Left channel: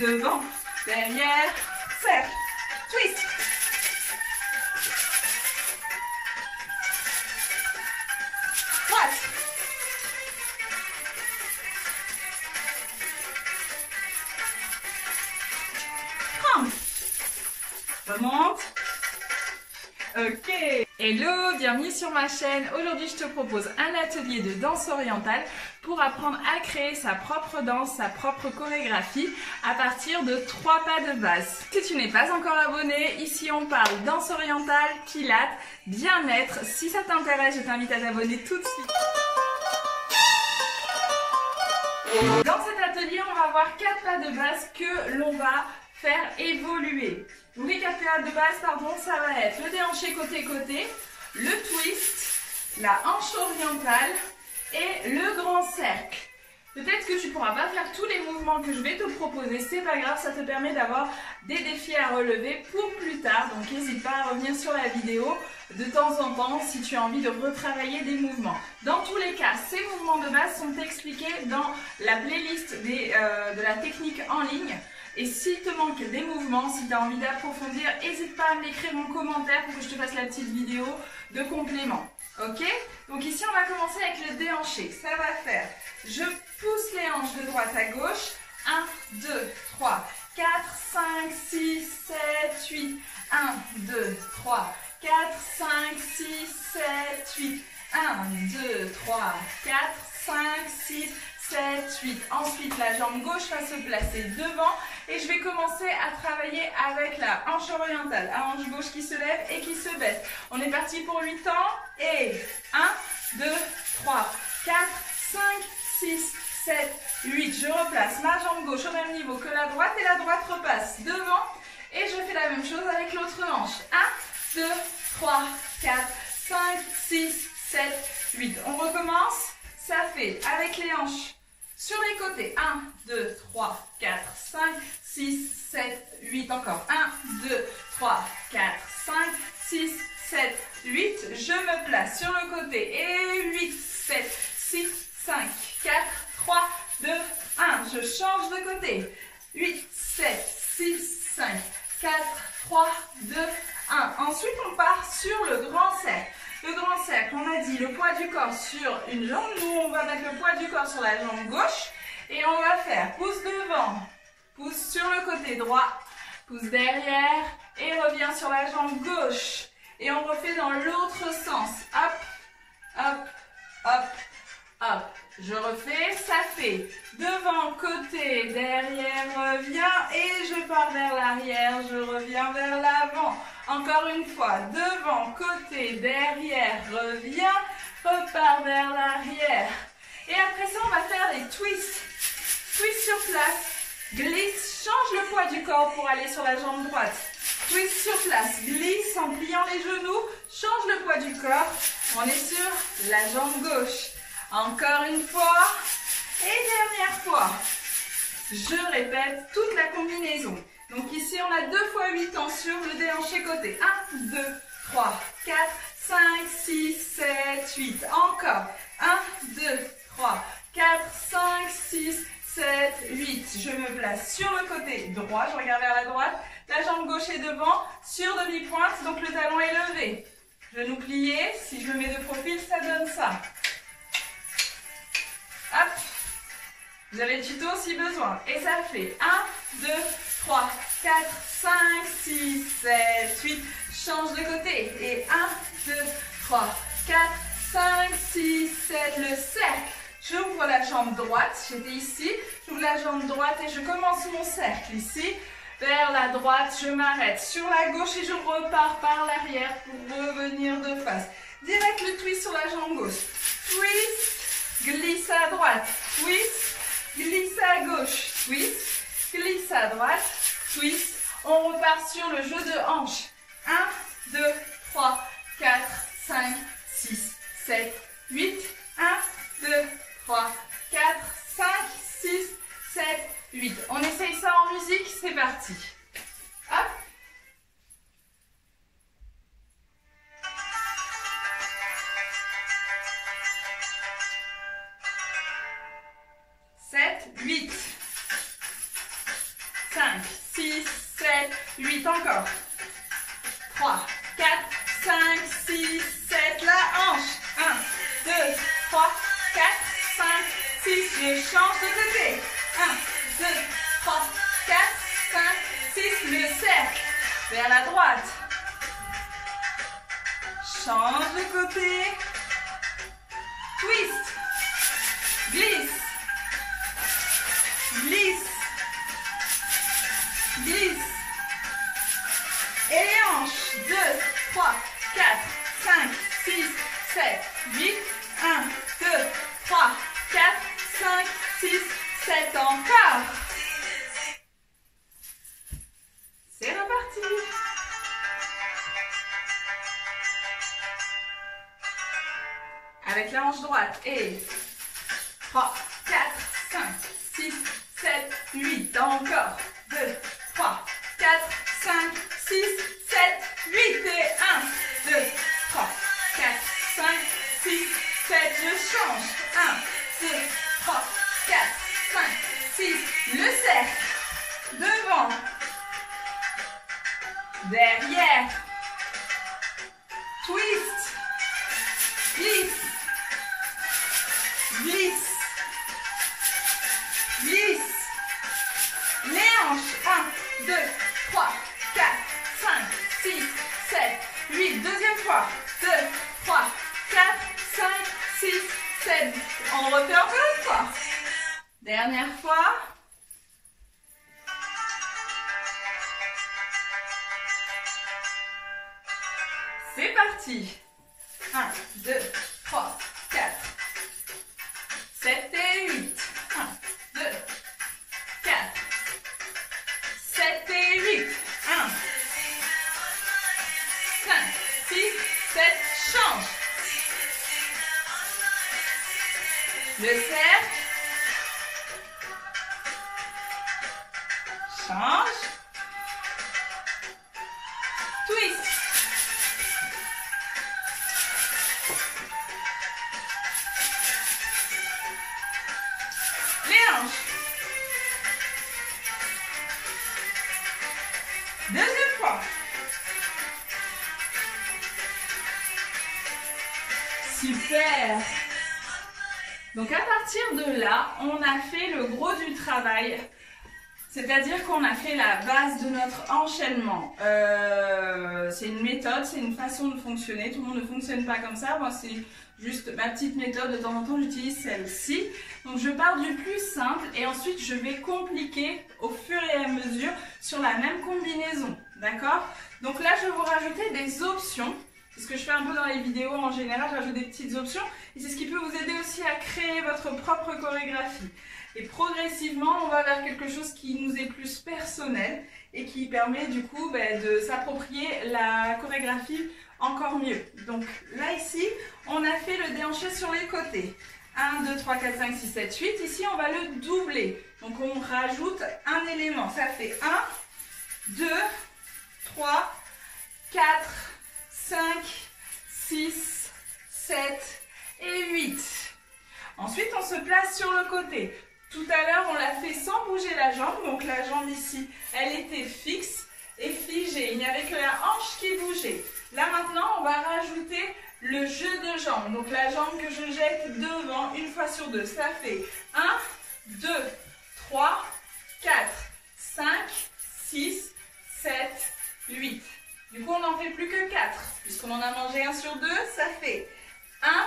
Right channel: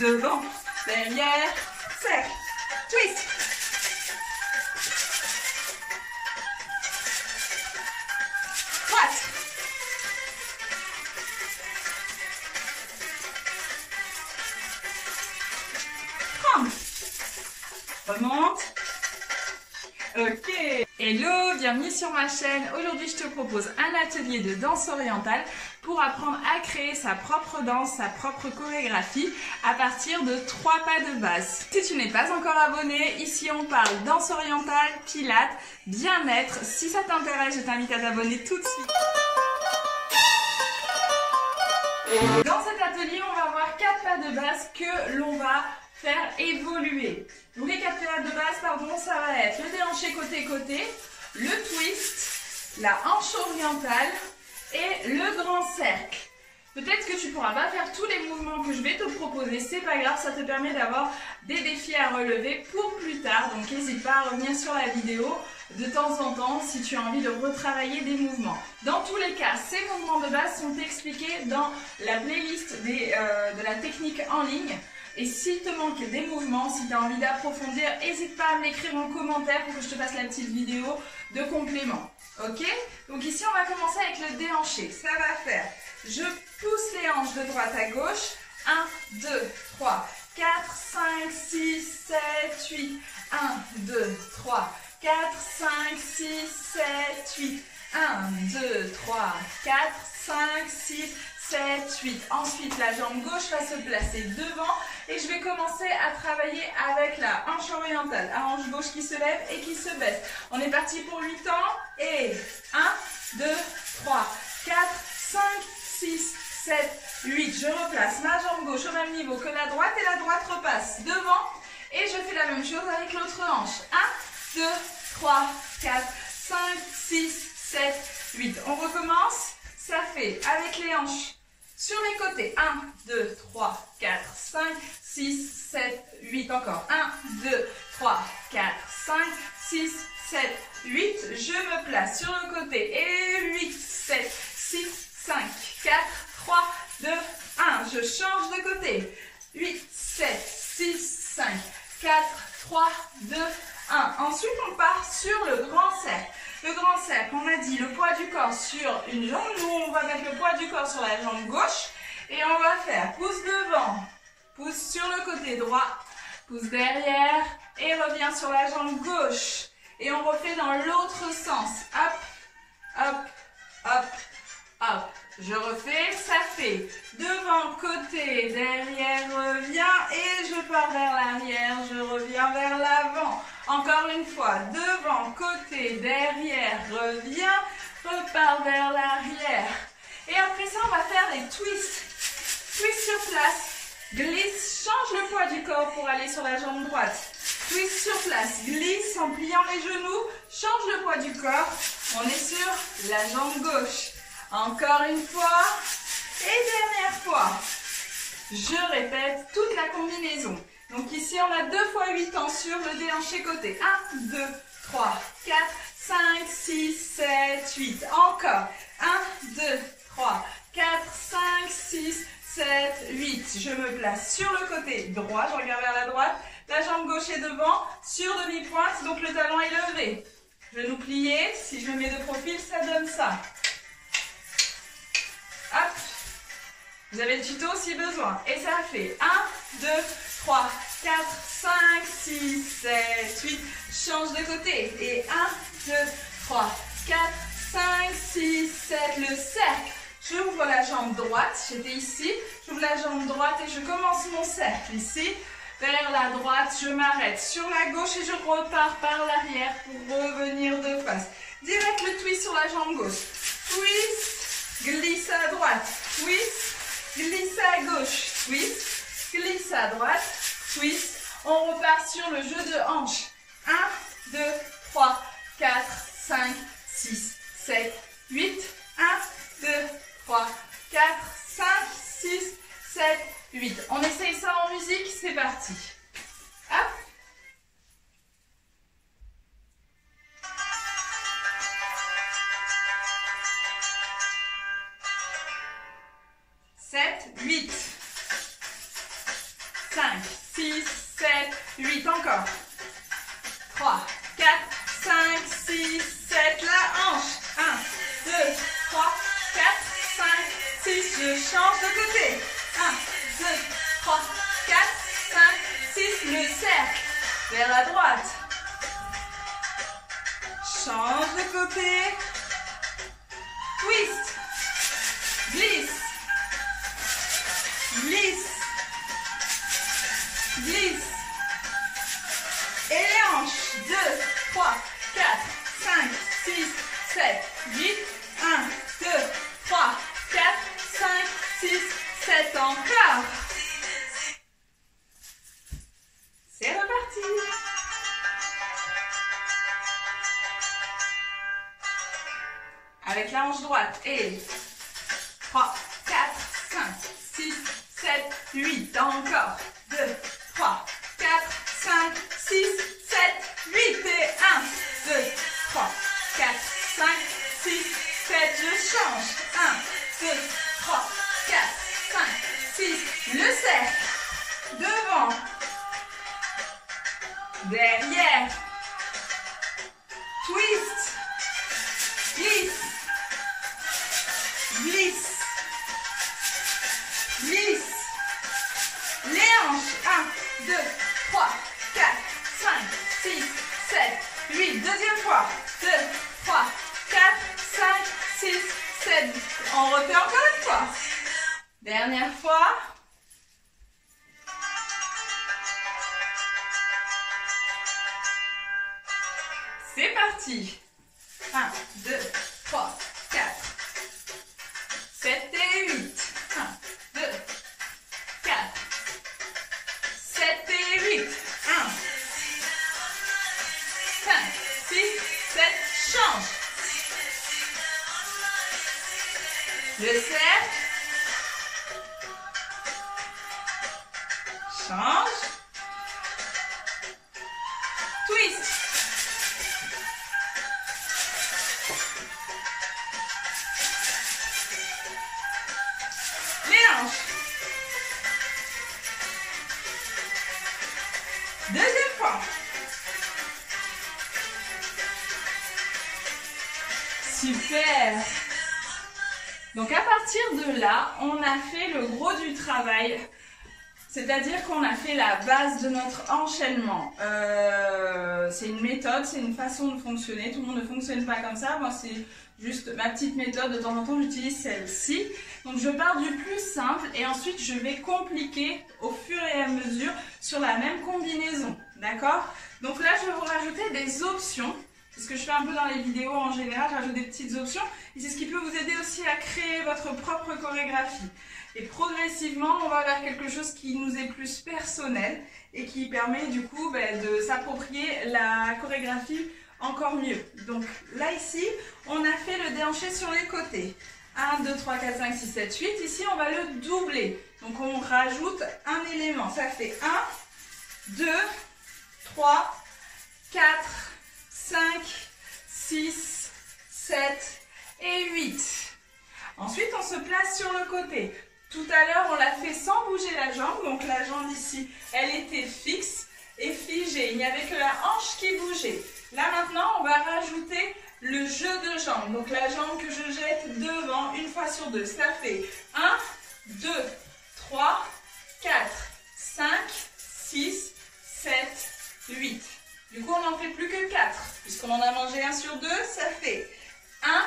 devant, derrière, cercle, twist. Droite. Tremble. Remonte. Ok. Hello, bienvenue sur ma chaîne. Aujourd'hui, je te propose un atelier de danse orientale pour apprendre à créer sa propre danse, sa propre chorégraphie à partir de 3 pas de base. Si tu n'es pas encore abonné, ici on parle danse orientale, pilates, bien-être. Si ça t'intéresse, je t'invite à t'abonner tout de suite. Dans cet atelier, on va voir 4 pas de base que l'on va faire évoluer. Donc les 4 pas de base, ça va être le déhanché côté-côté, le twist, la hanche orientale et le grand cercle. Peut-être que tu ne pourras pas faire tous les mouvements que je vais te proposer, c'est pas grave, ça te permet d'avoir des défis à relever pour plus tard. Donc n'hésite pas à revenir sur la vidéo de temps en temps si tu as envie de retravailler des mouvements. Dans tous les cas, ces mouvements de base sont expliqués dans la playlist de la technique en ligne. Et s'il te manque des mouvements, si tu as envie d'approfondir, n'hésite pas à me l'écrire en commentaire pour que je te fasse la petite vidéo de complément. Ok? Donc ici, on va commencer avec le déhanché. Ça va faire, je pousse les hanches de droite à gauche. 1, 2, 3, 4, 5, 6, 7, 8. 1, 2, 3, 4, 5, 6, 7, 8. 1, 2, 3, 4, 5, 6, 7, 8. Ensuite, la jambe gauche va se placer devant et je vais commencer à travailler avec la hanche orientale. La hanche gauche qui se lève et qui se baisse. On est parti pour 8 temps et 1, 2, 3, 4, 5, 6, 7, 8. Je replace ma jambe gauche au même niveau que la droite et la droite repasse devant et je fais la même chose avec l'autre hanche. 1, 2, 3, 4, 5, 6, 7, 8. On recommence. Ça fait avec les hanches sur les côtés. 1, 2, 3, 4, 5, 6, 7, 8. Encore. 1, 2, 3, 4, 5, 6, 7, 8. Je me place sur le côté. Et 8, 7, 6, 5, 4, 3, 2, 1. Je change de côté. 8, 7, 6, 5, 4, 3, 2, 1. Ensuite, on part sur le grand cercle. Le grand cercle, on a dit le poids du corps sur une jambe. Nous, on va mettre le poids du corps sur la jambe gauche. Et on va faire pouce devant, pouce sur le côté droit, pouce derrière. Et reviens sur la jambe gauche. Et on refait dans l'autre sens. Hop, hop, hop, hop. Je refais, ça fait devant, côté, derrière, reviens. Et je pars vers l'arrière, je reviens vers l'avant. Encore une fois, devant, côté, derrière, reviens, repars vers l'arrière. Et après ça, on va faire des twists. Twist sur place, glisse, change le poids du corps pour aller sur la jambe droite. Twist sur place, glisse en pliant les genoux, change le poids du corps. On est sur la jambe gauche. Encore une fois, et dernière fois. Je répète toute la combinaison. Donc ici, on a 2 fois 8 temps sur le déhanché côté. 1, 2, 3, 4, 5, 6, 7, 8. Encore. 1, 2, 3, 4, 5, 6, 7, 8. Je me place sur le côté droit. Je regarde vers la droite. La jambe gauche est devant. Sur demi-pointe, donc le talon est levé. Genou plié. Si je le mets de profil, ça donne ça. Hop. Vous avez le tuto si besoin. Et ça fait 1, 2, 3, 4, 5, 6, 7, 8. Change de côté. Et 1, 2, 3, 4, 5, 6, 7. Le cercle. J'ouvre la jambe droite. J'étais ici. J'ouvre la jambe droite et je commence mon cercle ici. Vers la droite, je m'arrête sur la gauche et je repars par l'arrière pour revenir de face. Direct le twist sur la jambe gauche. Twist, glisse à droite. Twist, glisse à gauche. Twist, glisse à droite. Twist. On repart sur le jeu de hanche. 1, 2, 3, 4, 5, 6, 7, 8. 1, 2, 3, 4, 5, 6, 7, 8. On essaye ça en musique, c'est parti. Hop. 8, encore. 3, 4, 5, 6, 7, la hanche. 1, 2, 3, 4, 5, 6, je change de côté. 1, 2, 3, 4, 5, 6, le cercle vers la droite. Change de côté. Twist. Glisse. Glisse. Glisse. Et les hanches. 2, 3, 4, 5, 6, 7, 8. 1, 2, 3, 4, 5, 6, 7. Encore. C'est reparti. Avec la hanche droite. Et 3, 4, 5, 6, 7, 8. Encore. 2, 3, 4, 5, 6, 7, 8. Et 1, 2, 3, 4, 5, 6, 7. Je change. 1, 2, 3, 4, 5, 6. Le cercle. Devant. Derrière. Twist. Glisse. Glisse. Glisse. Les hanches. 1, 2, 3, 4, 5, 6, 7, 8. Deuxième fois. 2, 3, 4, 5, 6, 7. On refait encore une fois. Dernière fois. C'est parti. 1, 2, 3, 4, 7 et 8. 1, 2, 4, 7 et 8. 1, 5, 6, 7. Change. Le cercle. Change. Twist. Les hanches. Deuxième fois. Super. Donc à partir de là, on a fait le gros du travail. C'est-à-dire qu'on a fait la base de notre enchaînement. C'est une méthode, c'est une façon de fonctionner. Tout le monde ne fonctionne pas comme ça. Moi, c'est juste ma petite méthode. De temps en temps, j'utilise celle-ci. Donc, je pars du plus simple et ensuite, je vais compliquer au fur et à mesure sur la même combinaison. D'accord? Donc là, je vais vous rajouter des options. C'est ce que je fais un peu dans les vidéos en général. J'ajoute des petites options. Et c'est ce qui peut vous aider aussi à créer votre propre chorégraphie. Et progressivement, on va vers quelque chose qui nous est plus personnel et qui permet du coup de s'approprier la chorégraphie encore mieux. Donc là ici, on a fait le déhanché sur les côtés. 1, 2, 3, 4, 5, 6, 7, 8. Ici, on va le doubler. Donc on rajoute un élément. Ça fait 1, 2, 3, 4, 5, 6, 7 et 8. Ensuite, on se place sur le côté. Tout à l'heure, on l'a fait sans bouger la jambe. Donc la jambe ici, elle était fixe et figée. Il n'y avait que la hanche qui bougeait. Là maintenant, on va rajouter le jeu de jambes. Donc la jambe que je jette devant une fois sur deux. Ça fait 1, 2, 3, 4, 5, 6, 7, 8. Du coup, on n'en fait plus que 4. Puisqu'on en a mangé un sur deux, ça fait 1,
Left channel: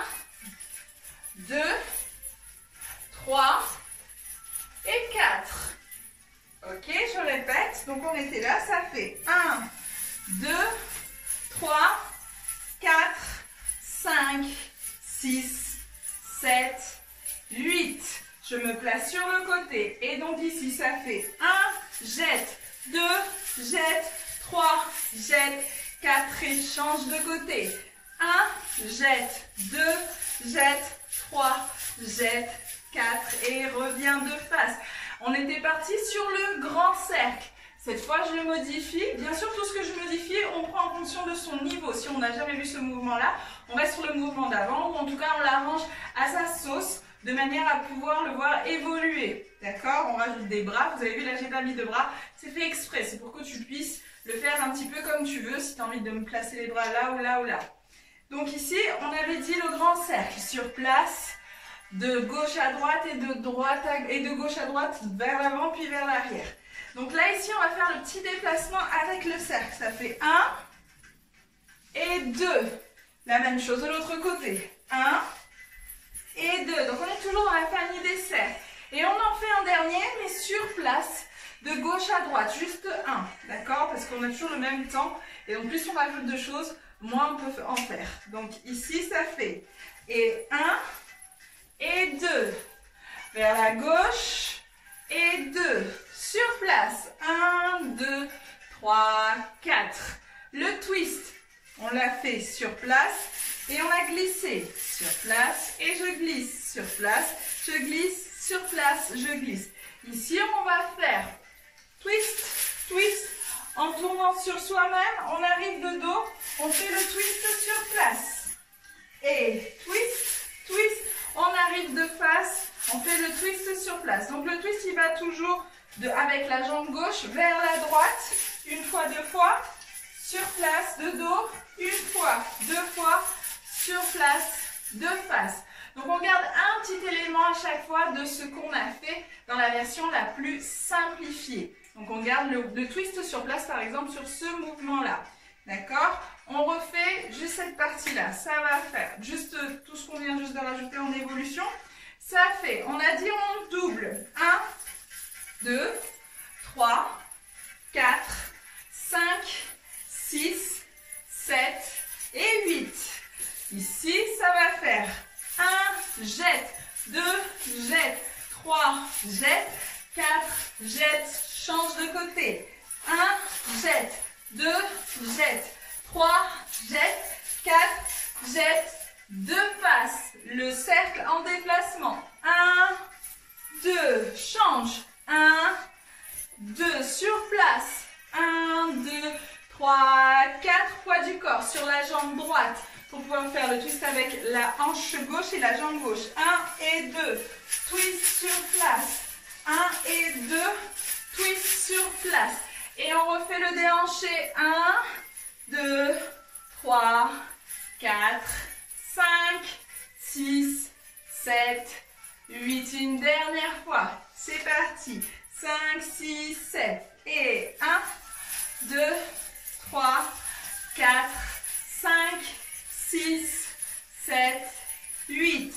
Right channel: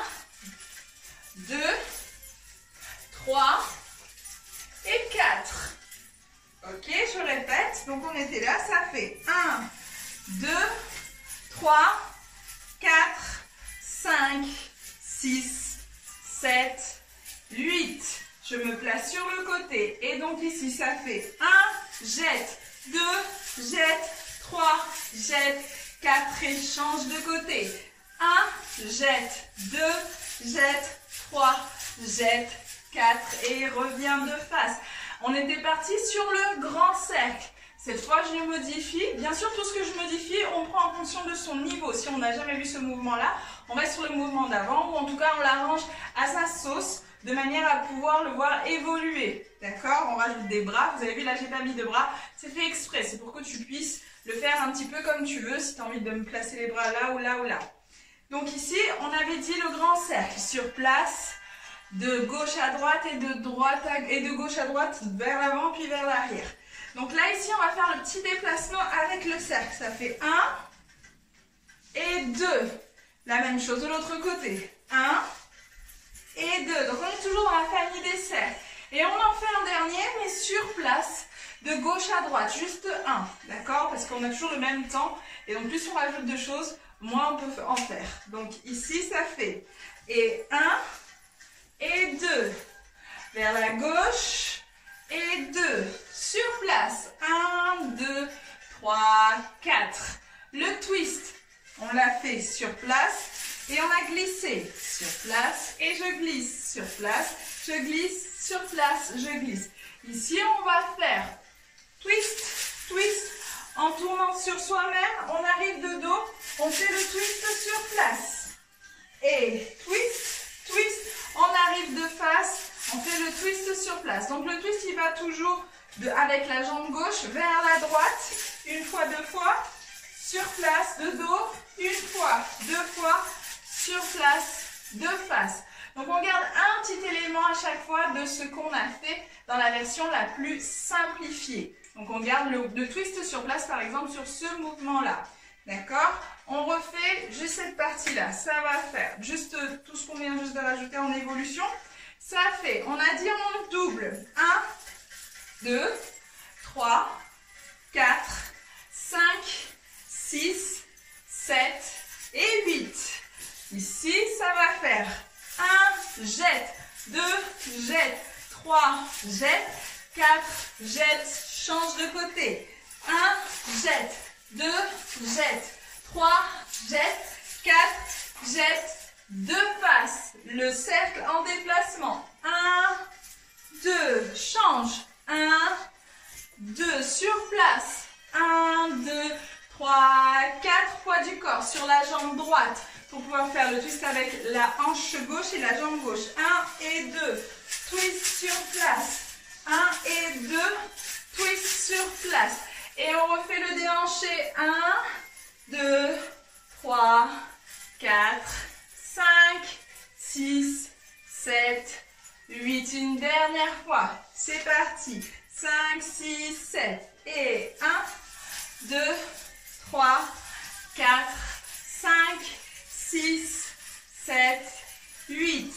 2, 3 et 4. Ok, je répète. Donc on était là, ça fait 1, 2, 3, 4, 5, 6, 7, 8. Je me place sur le côté. Et donc ici, ça fait 1, jette, 2, jette, 3, jette, 4 et change de côté. 1, jette, 2, jette, 3, jette, 4 et reviens de face. On était parti sur le grand cercle. Cette fois, je le modifie. Bien sûr, tout ce que je modifie, on prend en fonction de son niveau. Si on n'a jamais vu ce mouvement-là, on va sur le mouvement d'avant ou en tout cas, on l'arrange à sa sauce de manière à pouvoir le voir évoluer. D'accord? On rajoute des bras. Vous avez vu, là, j'ai pas mis de bras. C'est fait exprès. C'est pour que tu puisses le faire un petit peu comme tu veux, si tu as envie de me placer les bras là ou là ou là. Donc ici, on avait dit le grand cercle sur place, de gauche à droite et de gauche à droite vers l'avant puis vers l'arrière. Donc là, ici, on va faire le petit déplacement avec le cercle. Ça fait 1 et 2. La même chose de l'autre côté. 1 et 2. Donc on est toujours dans la famille des cercles. Et on en fait un dernier, mais sur place, de gauche à droite, juste 1. D'accord? Parce qu'on a toujours le même temps. Et donc plus on rajoute de choses, moins on peut en faire. Donc ici, ça fait et 1 et 2. Vers la gauche et 2. Sur place. 1, 2, 3, 4. Le twist, on l'a fait sur place. Et on a glissé sur place. Et je glisse sur place. Je glisse sur place. Je glisse. Ici, on va faire twist, twist. En tournant sur soi-même, on arrive de dos. On fait le twist sur place. Et twist, twist. On arrive de face. On fait le twist sur place. Donc le twist, il va toujours avec la jambe gauche vers la droite. Une fois, deux fois. Sur place, de dos. Une fois, deux fois. Sur place, de face. Donc on garde un petit élément à chaque fois de ce qu'on a fait dans la version la plus simplifiée. Donc on garde le twist sur place par exemple sur ce mouvement-là. D'accord? On refait juste cette partie-là. Ça va faire juste tout ce qu'on vient juste de rajouter en évolution. Ça fait, on a dit on monte double. 1, 2, 3, 4, 5, 6, 7 et 8. Ici, ça va faire 1, jette, 2, jette, 3, jette, 4, jette, change de côté. 1, jette, 2, jette, 3, jette, 4, jette, 2 faces. Le cercle en déplacement. 1, 2, change. 1, 2, sur place. 1, 2, 3, 4 poids du corps sur la jambe droite. Pour pouvoir faire le twist avec la hanche gauche et la jambe gauche. 1 et 2, twist sur place. 1 et 2, twist sur place. Et on refait le déhanché. 1, 2, 3, 4, 5, 6, 7, 8. Une dernière fois. C'est parti. 5, 6, 7. Et 1, 2, 3, 4, 5, 6, 7, 8.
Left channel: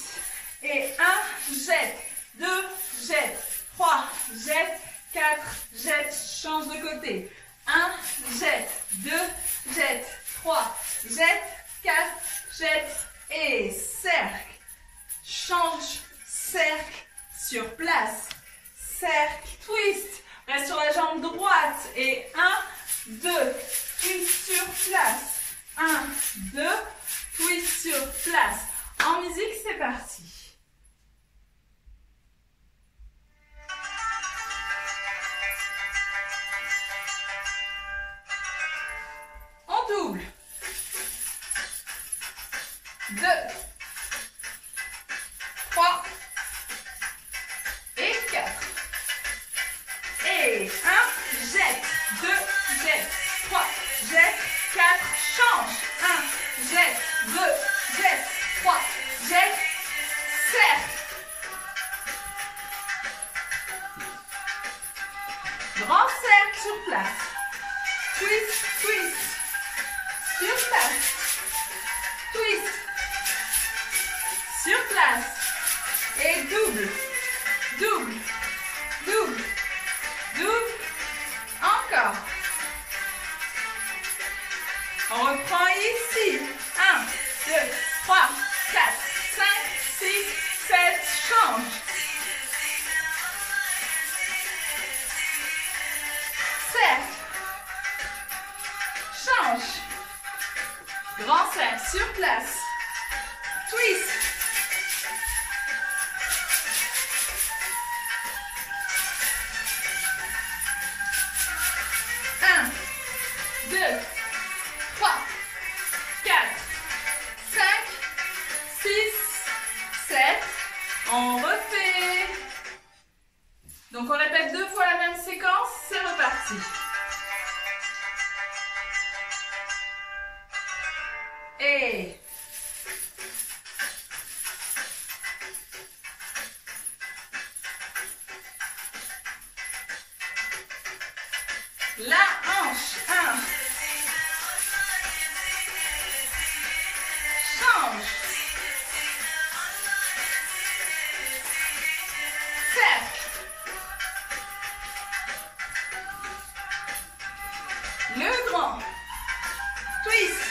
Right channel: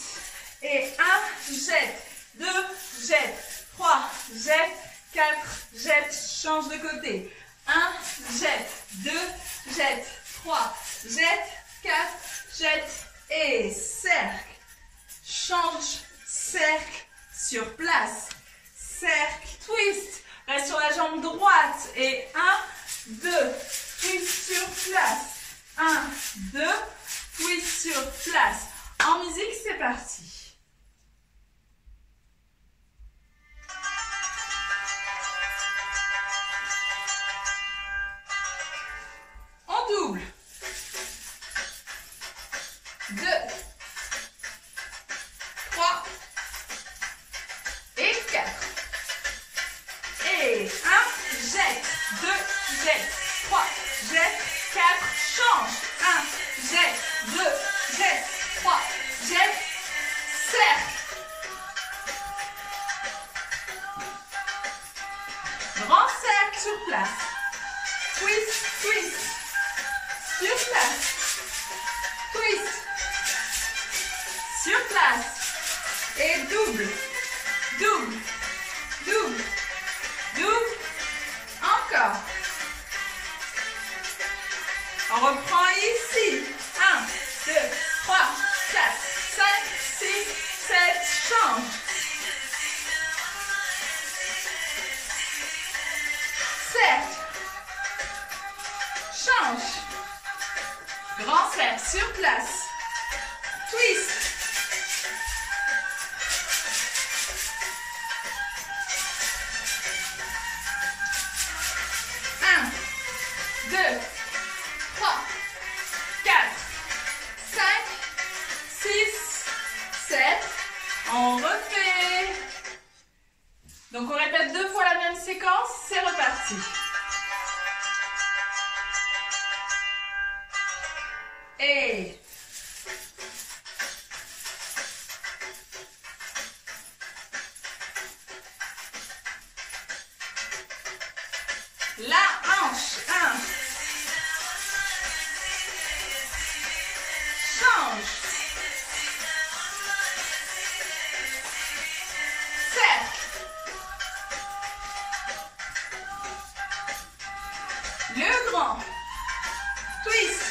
Et 1, jette, 2, jette, 3, jette, 4, jette, change de côté. 1, jette, 2, jette, 3, jette, 4, jette et cercle. Change, cercle, sur place. Cercle, twist. Reste sur la jambe droite. Et 1, 2, twist sur place. 1, 2, twist sur place. En musique, c'est parti. En double. 2, 3 et 4. Et 1, jette, 2, jette, 3, jette, 4, change. 1, jette, 2, jette, 3, jette, cercle. Grand cercle sur place. Twist, twist. Sur place. Twist. Sur place. Et double. Double. Double. Double. Encore. On reprend ici. 1, 2, 3, 4, 5, 6, 7. Change. Cercle. Change. Grand cercle sur place. Twist. Un, 2, 3, 4, 5, 6, 7. On refait. Donc on répète 2 fois la même séquence. C'est reparti. hanche. Cercle. Le grand. Twist.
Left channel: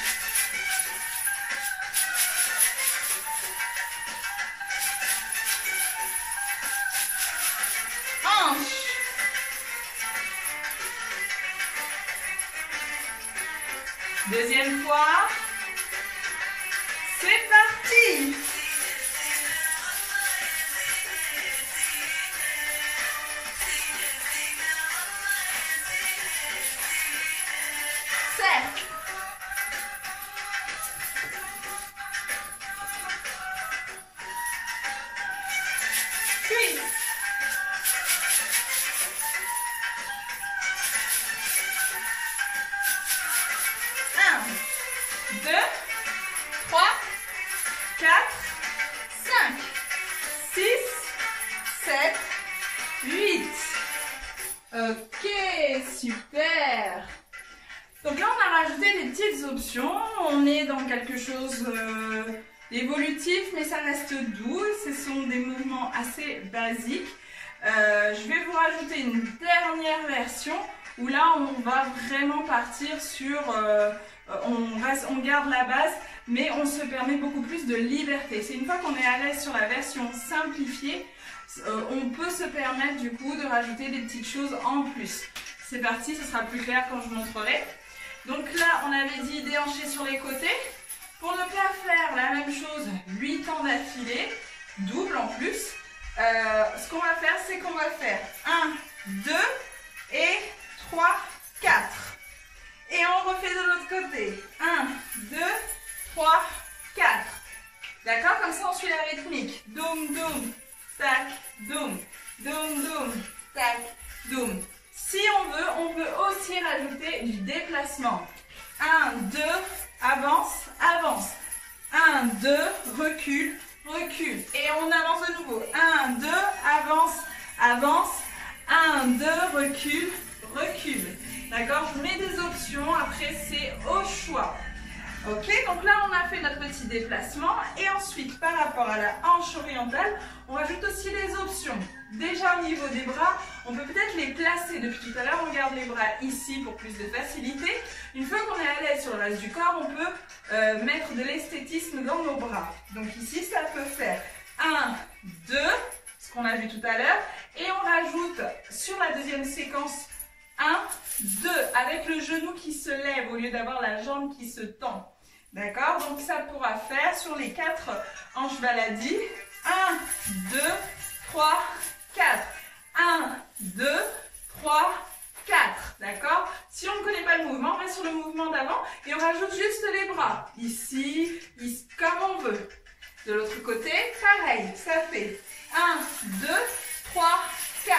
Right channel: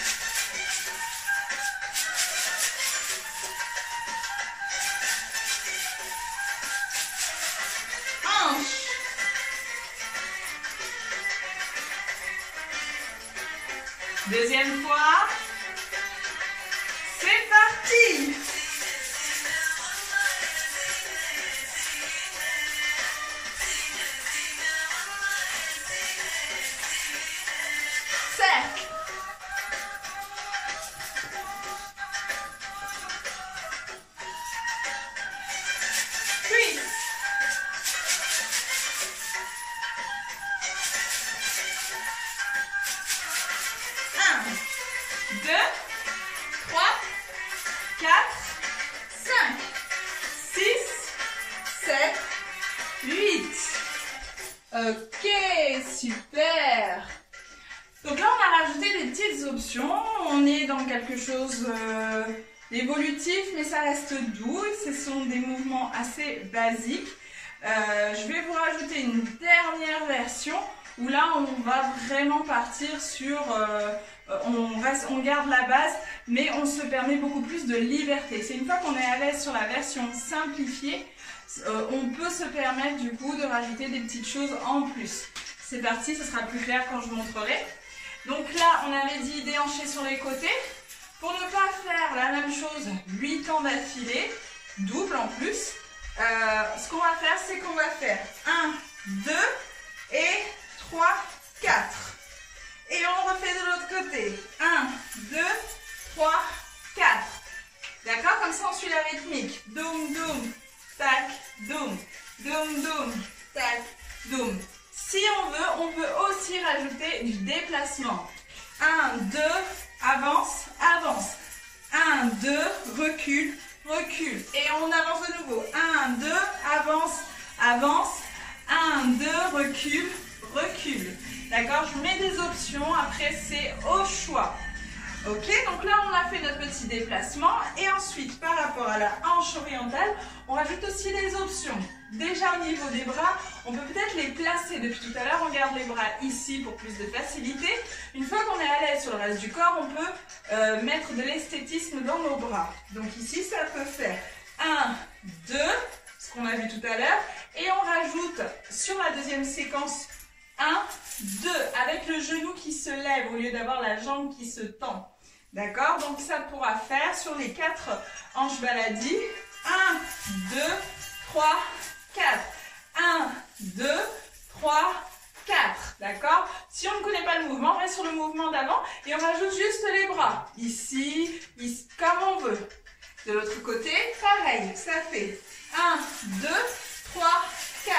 Hanche. Deuxième fois. C'est parti. Cercle. Twist. 2, 3, 4, 5, 6, 7, 8. Ok, super. Donc là, on a rajouté des petites options. On est dans quelque chose d'évolutif, mais ça reste doux. Ce sont des mouvements assez basiques. Je vais vous rajouter une dernière version où là, on va vraiment partir sur... on garde la base, mais on se permet beaucoup plus de liberté. C'est une fois qu'on est à l'aise sur la version simplifiée, on peut se permettre du coup de rajouter des petites choses en plus. C'est parti, ce sera plus clair quand je vous montrerai. Donc là, on avait dit déhanché sur les côtés. Pour ne pas faire la même chose 8 ans d'affilée, double en plus, ce qu'on va faire, c'est qu'on va faire 1, 2 et 3, 4. Et on refait de l'autre côté. 1, 2, 3, 4. D'accord? Comme ça, on suit la rythmique. Doum, doum, tac, doum, doum, doum, tac, doum. Si on peut aussi rajouter du déplacement. 1, 2, avance, avance. 1, 2, recule, recule. Et on avance de nouveau. 1, 2, avance, avance. 1, 2, recule, recule. D'accord? Je mets des options, après c'est au choix. Ok, donc là on a fait notre petit déplacement et ensuite par rapport à la hanche orientale, on rajoute aussi des options. Déjà au niveau des bras, on peut peut-être les placer. Depuis tout à l'heure, on garde les bras ici pour plus de facilité. Une fois qu'on est à l'aise sur le reste du corps, on peut mettre de l'esthétisme dans nos bras. Donc ici, ça peut faire 1, 2, ce qu'on a vu tout à l'heure. Et on rajoute sur la deuxième séquence 1, 2, avec le genou qui se lève au lieu d'avoir la jambe qui se tend. D'accord? Donc ça pourra faire sur les 4 hanches baladis. 1, 2, 3, 4. 1, 2, 3, 4. D'accord? Si on ne connaît pas le mouvement, on reste sur le mouvement d'avant et on rajoute juste les bras. Ici, ici, comme on veut. De l'autre côté, pareil. Ça fait 1, 2, 3, 4.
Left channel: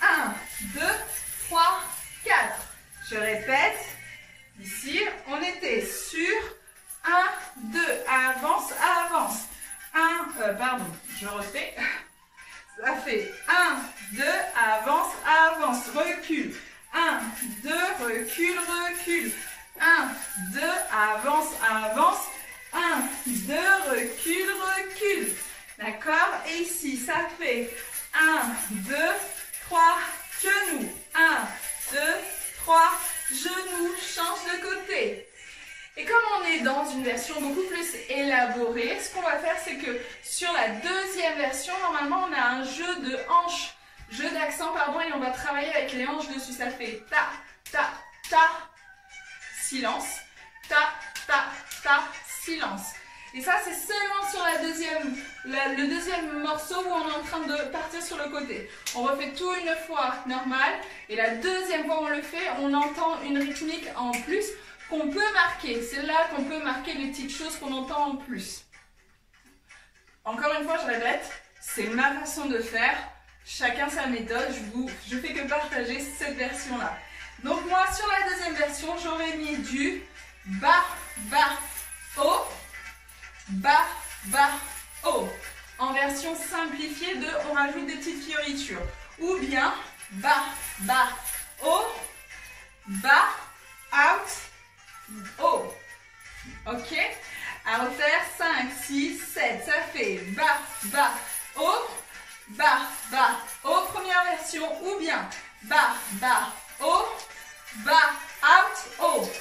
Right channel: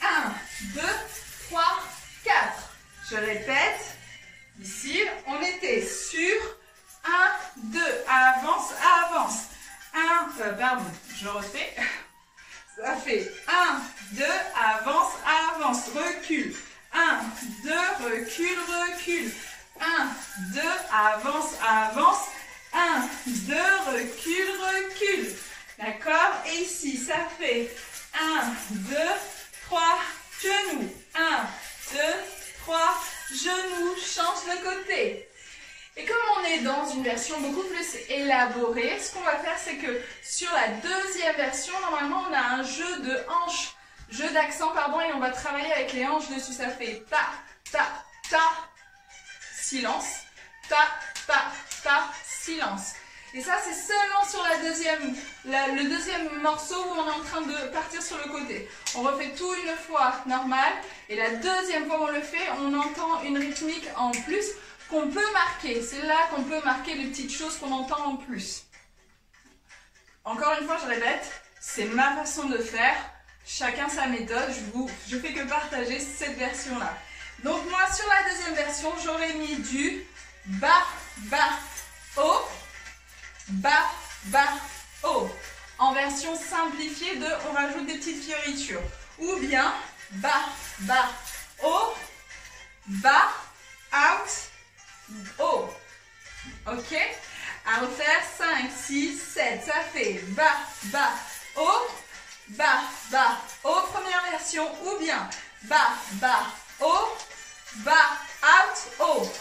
1, 2, 3, 4. Je répète. Ici, on était sur 1, 2. Avance, avance. 1, pardon, je refais. Ça fait 1, 2, avance, avance, recule. 1, 2, recule, recule. 1, 2, avance, avance. 1, 2, recule, recule. D'accord? Et ici, ça fait 1, 2, 3, genoux. 1, 2, 3, genoux. Change de côté. Et comme on est dans une version beaucoup plus élaborée, ce qu'on va faire, c'est que sur la deuxième version, normalement, on a un jeu de hanches, jeu d'accent, pardon, et on va travailler avec les hanches dessus. Ça fait ta, ta, ta, silence, ta, ta, ta, silence. Et ça, c'est seulement sur le deuxième morceau où on est en train de partir sur le côté. On refait tout une fois normal, et la deuxième fois où on le fait, on entend une rythmique en plus, qu'on peut marquer. C'est là qu'on peut marquer les petites choses qu'on entend en plus. Encore une fois, je répète, c'est ma façon de faire. Chacun sa méthode. Je fais que partager cette version-là. Donc moi, sur la deuxième version, j'aurais mis du bas, bas, haut, bas, bas, haut. En version simplifiée de on rajoute des petites fioritures. Ou bien bas, bas, haut, bas, out, haut. Ok? À refaire, 5, 6, 7. Ça fait bas, bas, haut, bas, bas, haut, première version. Ou bien bas, bas, haut, bas, out, haut.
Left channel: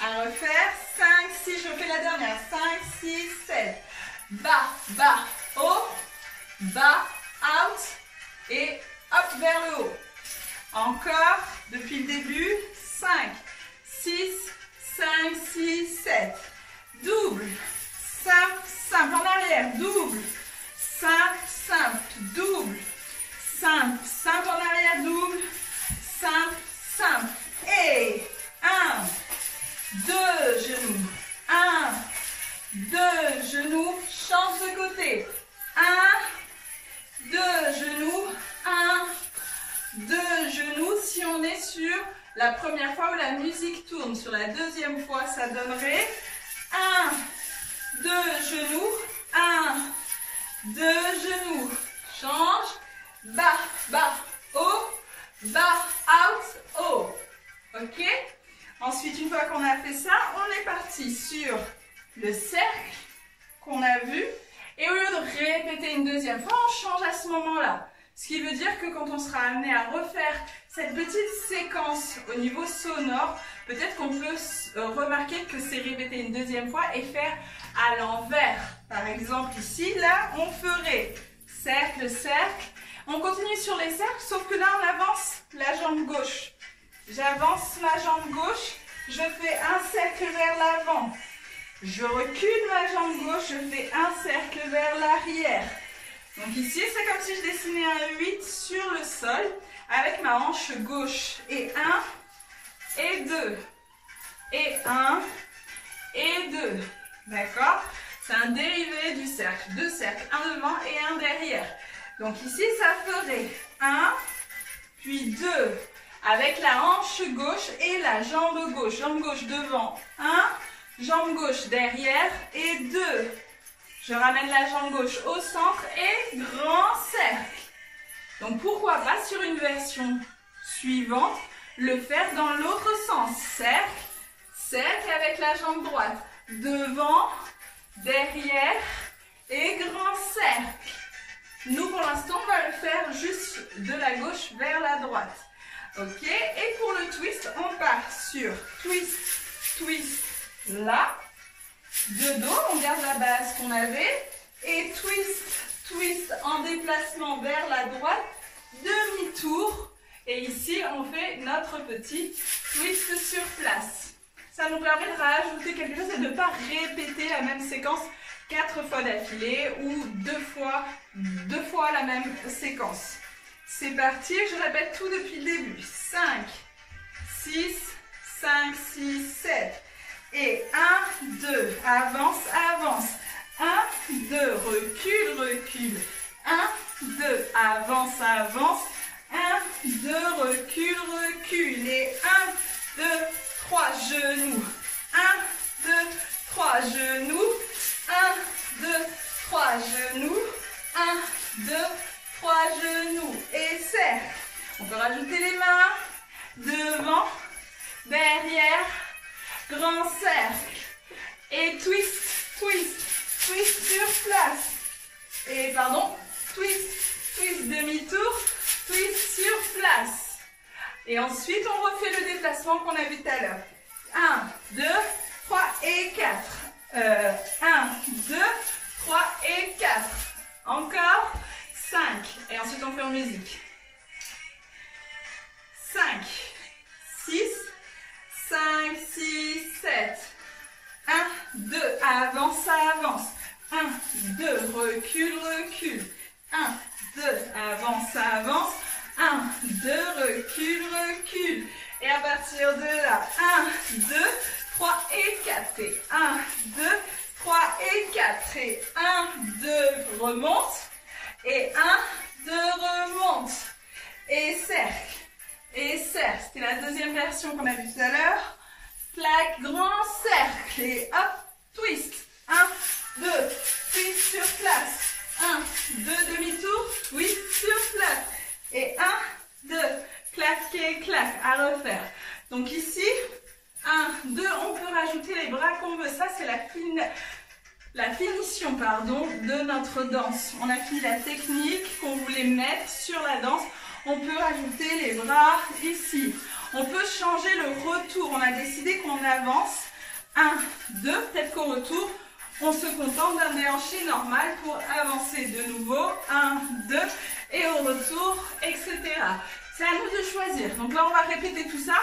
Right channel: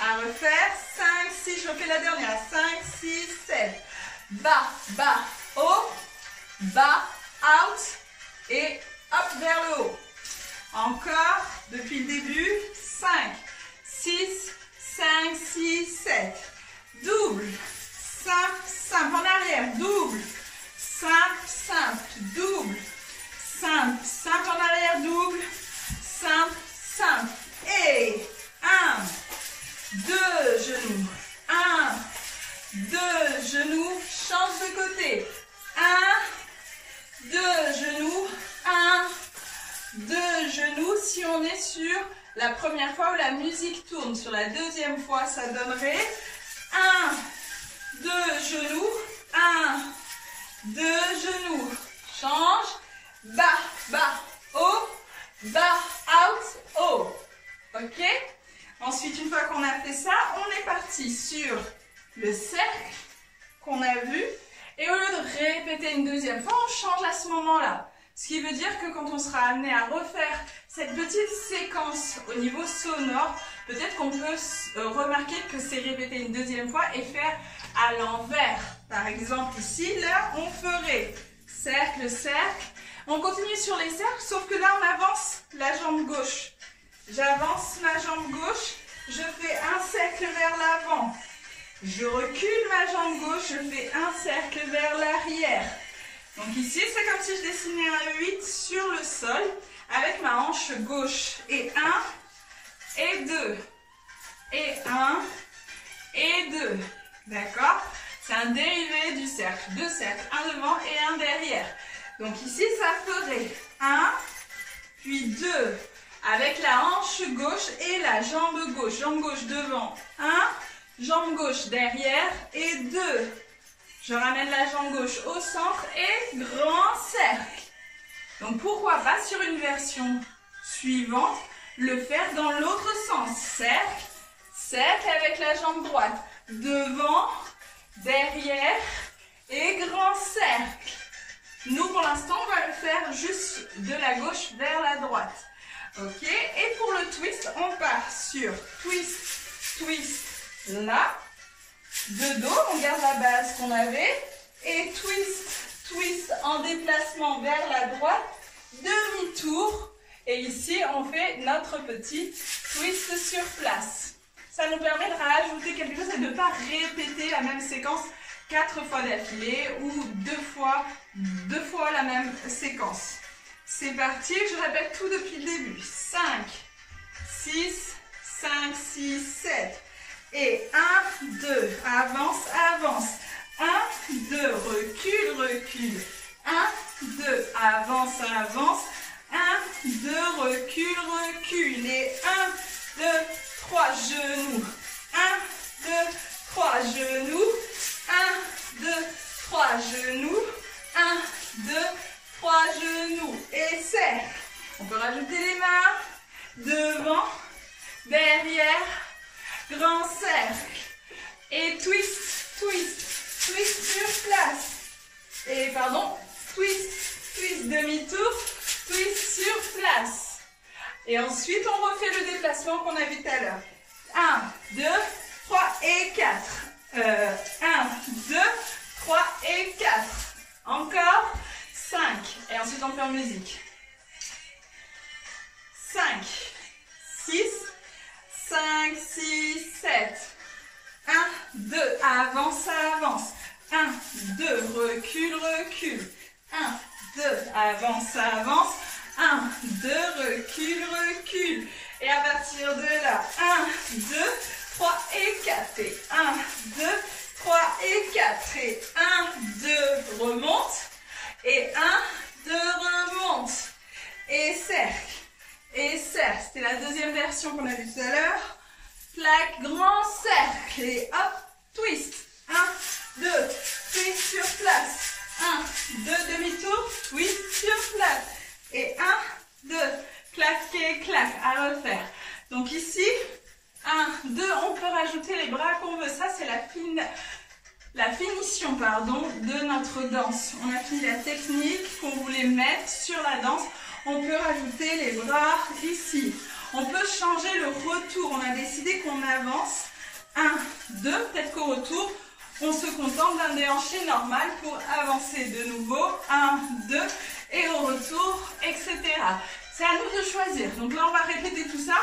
À refaire, 5, 6, je refais la dernière. 5, 6, 7. Bas, bas, haut, bas, out et hop vers le haut. Encore, depuis le début, 5, 6, 5, 6, 7. Double, simple, simple, en arrière, double, simple, simple, double, simple, simple, en arrière, double, simple, simple. Et 1, 2 genoux, 1, 2 genoux, change de côté. 1, 2 genoux, 1, 2 genoux. Si on est sur la première fois où la musique tourne, sur la deuxième fois, ça donnerait 1, 2 genoux, 1, 2 genoux. Change, bas, bas, haut, bas, out, haut. Ok? Ensuite, une fois qu'on a fait ça, on est parti sur le cercle qu'on a vu. Et au lieu de répéter une deuxième fois, on change à ce moment-là. Ce qui veut dire que quand on sera amené à refaire cette petite séquence au niveau sonore, peut-être qu'on peut remarquer que c'est répété une deuxième fois et faire à l'envers. Par exemple ici, là, on ferait cercle, cercle. On continue sur les cercles, sauf que là, on avance la jambe gauche. J'avance ma jambe gauche, je fais un cercle vers l'avant. Je recule ma jambe gauche, je fais un cercle vers l'arrière. Donc ici, c'est comme si je dessinais un 8 sur le sol avec ma hanche gauche. Et 1, et 2, et 1, et 2. D'accord? C'est un dérivé du cercle. Deux cercles, un devant et un derrière. Donc ici, ça ferait 1, puis 2, avec la hanche gauche et la jambe gauche. Jambe gauche devant, 1, jambe gauche derrière et 2. Je ramène la jambe gauche au centre et grand cercle. Donc pourquoi pas sur une version suivante, le faire dans l'autre sens. Cercle, cercle avec la jambe droite. Devant, derrière et grand cercle. Nous pour l'instant on va le faire juste de la gauche vers la droite. Ok, et pour le twist, on part sur twist, twist, là. De dos, on garde la base qu'on avait. Et twist, twist en déplacement vers la droite. Demi-tour. Et ici, on fait notre petit twist sur place. Ça nous permet de rajouter quelque chose et de ne pas répéter la même séquence 4 fois d'affilée ou deux fois la même séquence. C'est parti, je répète tout depuis le début. 5, 6, 5, 6, 7. Et 1, 2, avance, avance. 1, 2, recule, recule. 1, 2, avance, avance. 1, 2, recule, recule. Et 1, 2, 3 genoux. 1, 2, 3 genoux. 1, 2, 3 genoux. 1, 2, 3 genoux. Et cercle. On peut rajouter les mains. Devant, derrière. Grand cercle. Et twist, twist, twist sur place. Et pardon, twist, twist demi-tour, twist sur place. Et ensuite, on refait le déplacement qu'on a vu tout à l'heure. 1, 2, 3 et 4. 1, 2, 3 et 4. Encore 5. Et ensuite, on fait en musique. 5, 6, 5, 6, 7. 1, 2, avance, avance. 1, 2, recule, recule. 1, 2, avance, avance. 1, 2, recule, recule. Et à partir de là, 1, 2, 3 et 4. Et 1, 2, 3 et 4. Et 1, 2, remonte. Et 1, 2, remonte. Et cercle. Et cercle. C'était la deuxième version qu'on a vue tout à l'heure. Plaque, grand cercle. Et hop, twist. 1, 2, twist sur place. 1, 2, demi-tour, twist sur place. Et 1, 2, clac et clac, à refaire. Donc ici, 1, 2, on peut rajouter les bras qu'on veut. Ça, c'est la finition de notre danse. On a fini la technique qu'on voulait mettre sur la danse. On peut rajouter les bras ici. On peut changer le retour. On a décidé qu'on avance. 1, 2, peut-être qu'au retour, on se contente d'un déhanché normal pour avancer de nouveau. 1, 2, et au retour, etc. C'est à nous de choisir. Donc là, on va répéter tout ça.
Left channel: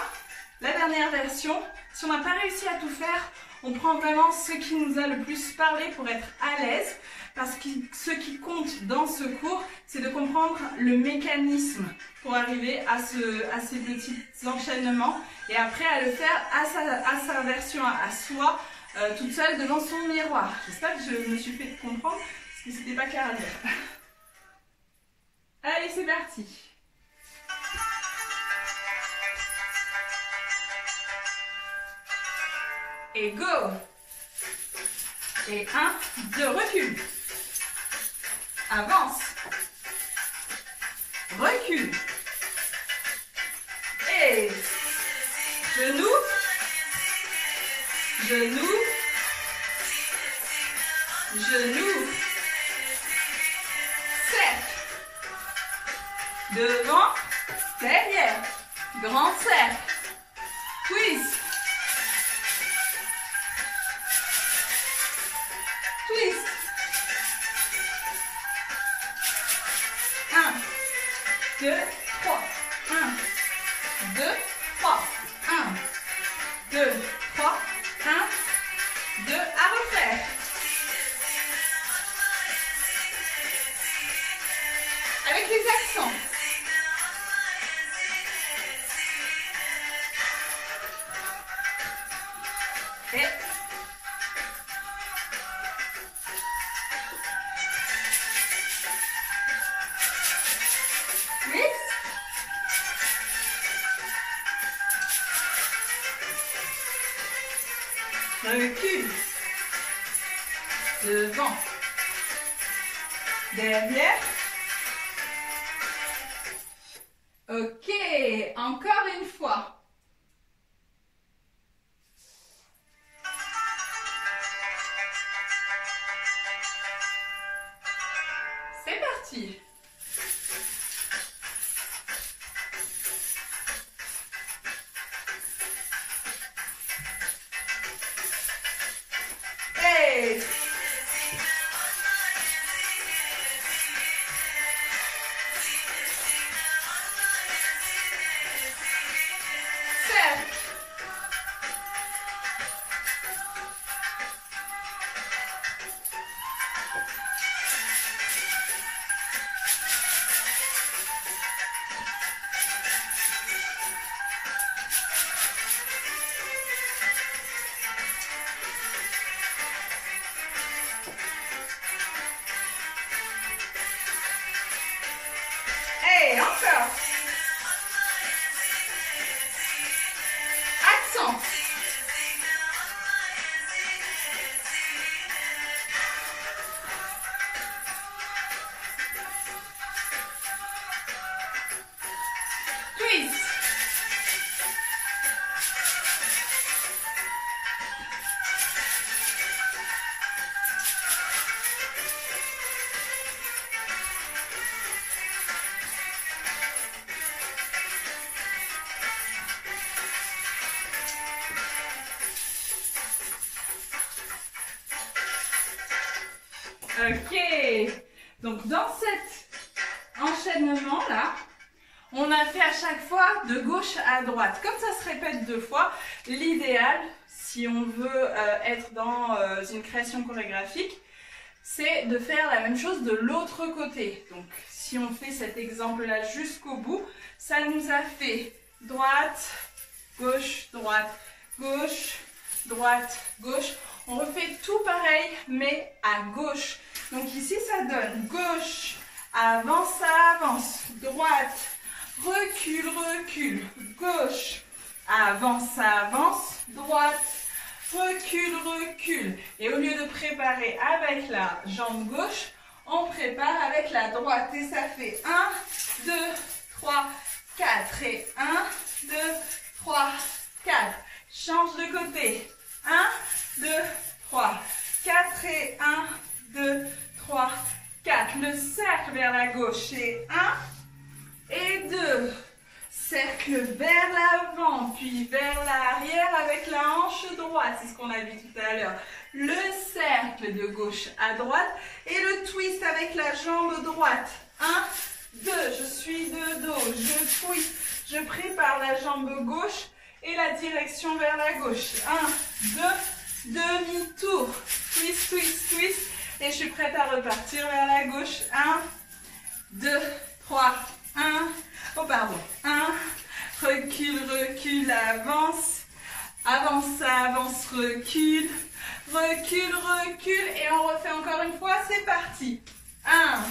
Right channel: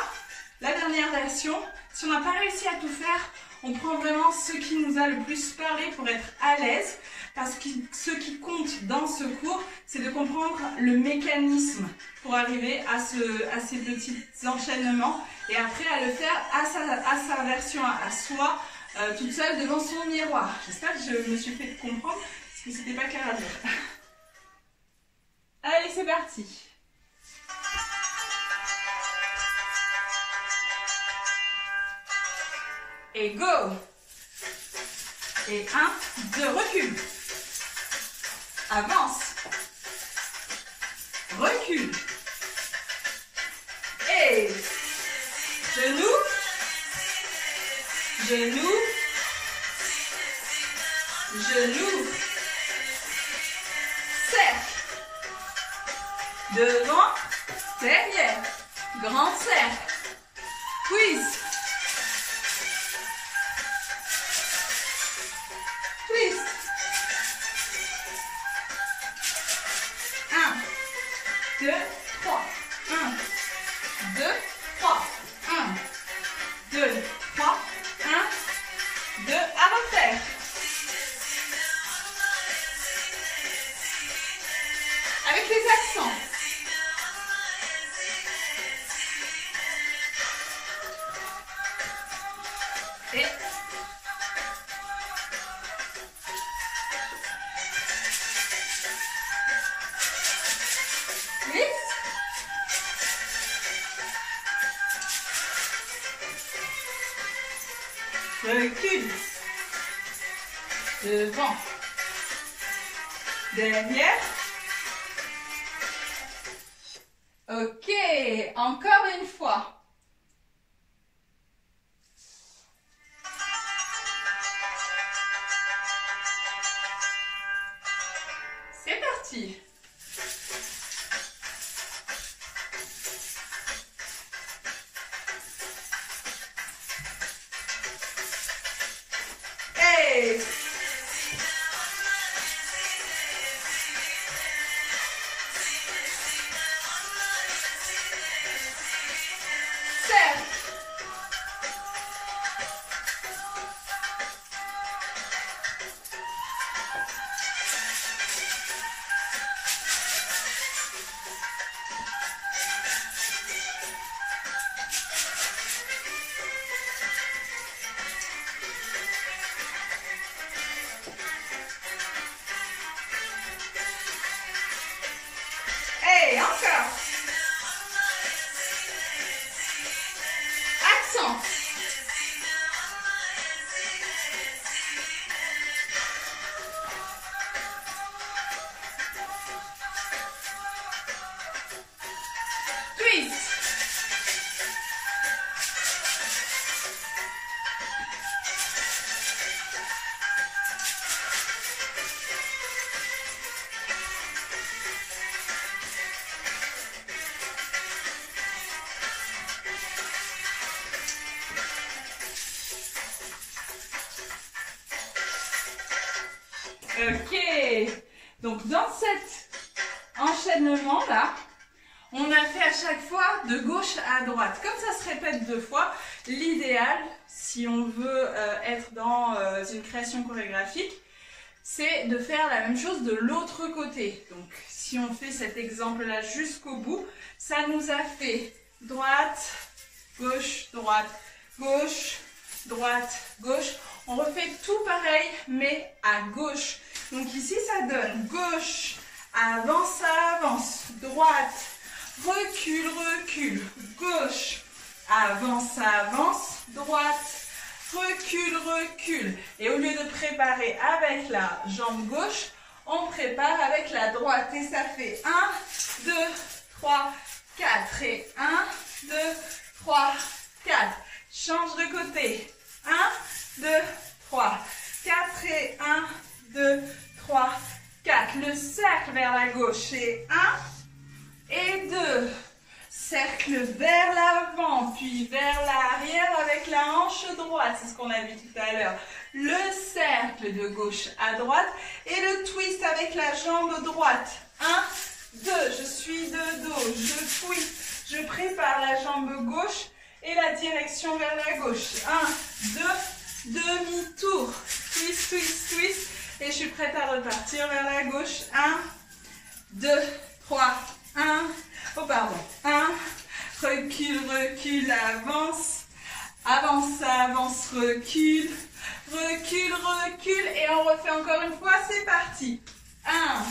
La dernière version, si on n'a pas réussi à tout faire, on prend vraiment ce qui nous a le plus parlé pour être à l'aise. Parce que ce qui compte dans ce cours, c'est de comprendre le mécanisme pour arriver à ces petits enchaînements. Et après, à le faire à sa version, à soi, toute seule devant son miroir. J'espère que je me suis fait comprendre, parce que c'était pas clair à dire. Allez, c'est parti. Et go. Et 1, 2, recule. Avance. Recule. Et genou. Genou. Genou. Cercle. Devant. Derrière. Grand cercle. Twist. Twist. 1, 2, 3. 1, 2, 3. 1, 2, 3. 1, 2, à refaire. Avec les accents. Et recule. Devant. Derrière. Ok, encore une fois. C'est parti. Hey. Et encore. Accent. Twist. Ok, donc dans cet enchaînement-là, on a fait à chaque fois de gauche à droite. Comme ça se répète 2 fois, l'idéal, si on veut être dans une création chorégraphique, c'est de faire la même chose de l'autre côté. Donc si on fait cet exemple-là jusqu'au bout, ça nous a fait droite, gauche, droite, gauche, droite, gauche. On refait tout pareil, mais à gauche. Donc ici, ça donne gauche, avance, ça avance, droite, recule, recule, gauche, avance, ça avance, droite, recule, recule. Et au lieu de préparer avec la jambe gauche, on prépare avec la droite. Et ça fait 1, 2, 3, 4. Et 1, 2, 3, 4. Change de côté. 1, 2, 3. 4 et 1, 2, 3, 4. Le cercle vers la gauche et 1 et 2. Cercle vers l'avant, puis vers l'arrière avec la hanche droite. C'est ce qu'on a vu tout à l'heure. Le cercle de gauche à droite et le twist avec la jambe droite. 1, 2, je suis de dos, je twist, je prépare la jambe gauche et la direction vers la gauche. 1, 2, demi-tour. Twist, twist, twist. Et je suis prête à repartir vers la gauche. 1, 2, 3, 1. Oh, pardon. 1, recule, recule, avance. Avance, avance, recule. Recule, recule. Et on refait encore une fois. C'est parti. 1,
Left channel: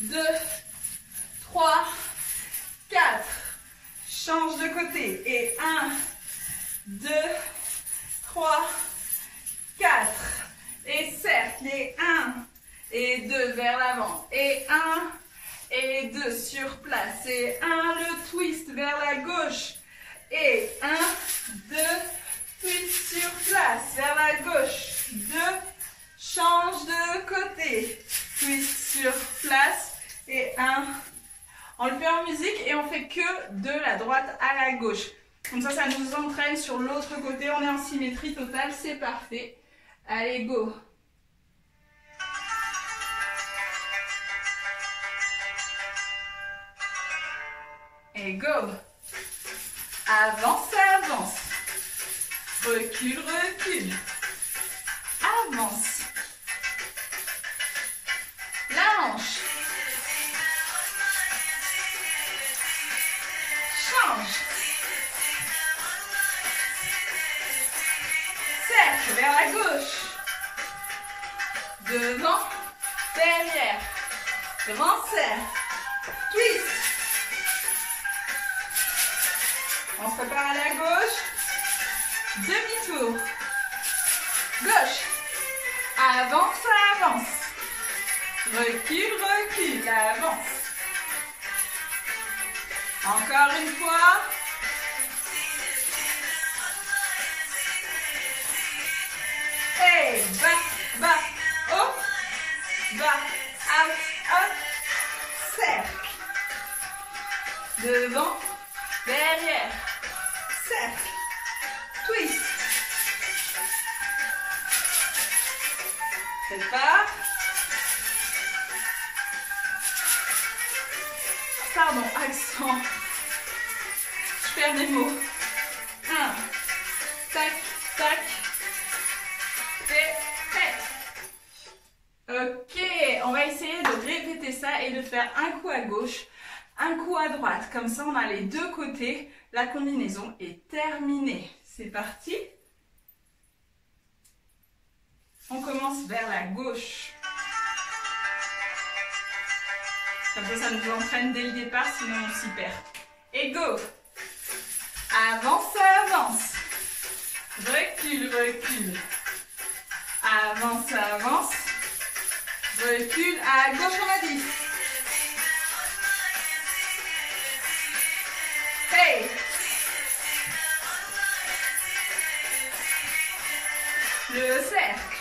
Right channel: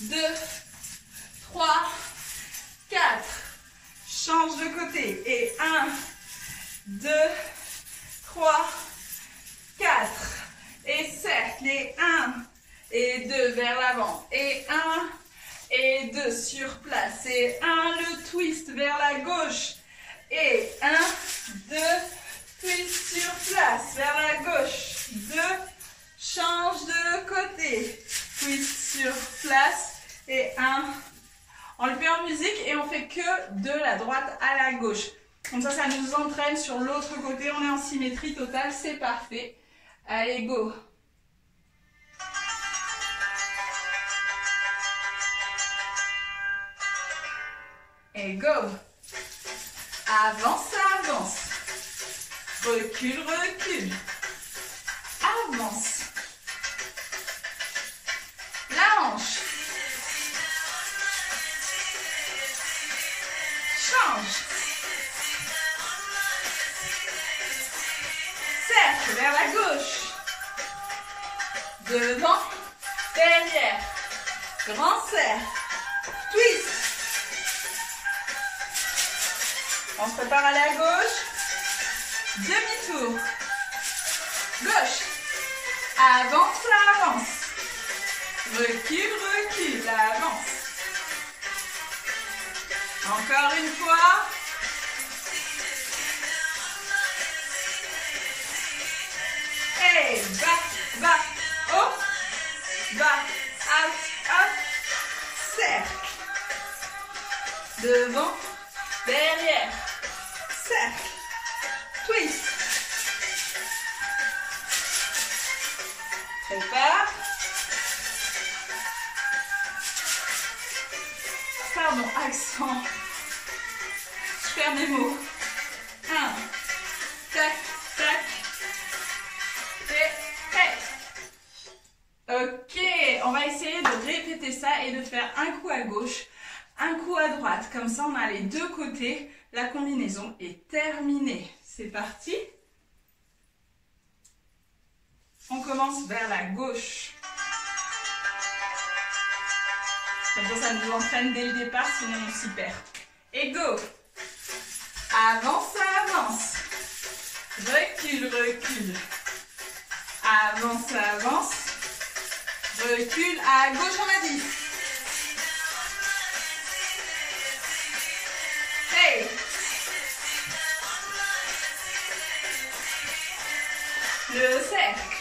2, 3, 4. Change de côté. Et 1, 2, 3, 4. Et cercle. Et 1 et 2 vers l'avant. Et 1 et 2 sur place. Et 1, le twist vers la gauche. Et 1, 2, twist sur place vers la gauche. 2, change de côté. Twist sur place. Et 1. On le fait en musique et on fait que de la droite à la gauche. Comme ça nous entraîne sur l'autre côté. On est en symétrie totale, c'est parfait. Allez, go! Et go! Avance, avance. Recule, recule. Avance. La hanche. Change. Cercle vers la gauche. Devant, derrière. Grand cercle. Twist. On se prépare à la gauche. Demi-tour. Gauche. Avance, avance. Recule, recule. Avance. Encore une fois. Et bas, bas, haut, bas, out, out, cercle. Devant, derrière, cercle, twist. Prépare. Pardon, accent. Je perds mes mots. 1, tac, tac. Ok, on va essayer de répéter ça et de faire un coup à gauche, un coup à droite. Comme ça, on a les deux côtés. La combinaison est terminée. C'est parti. On commence vers la gauche. Comme ça nous entraîne dès le départ, sinon on s'y perd. Et go! Avance, avance. Recule, recule. Avance, avance. Recule à gauche, on a dit. Hey! Le cercle.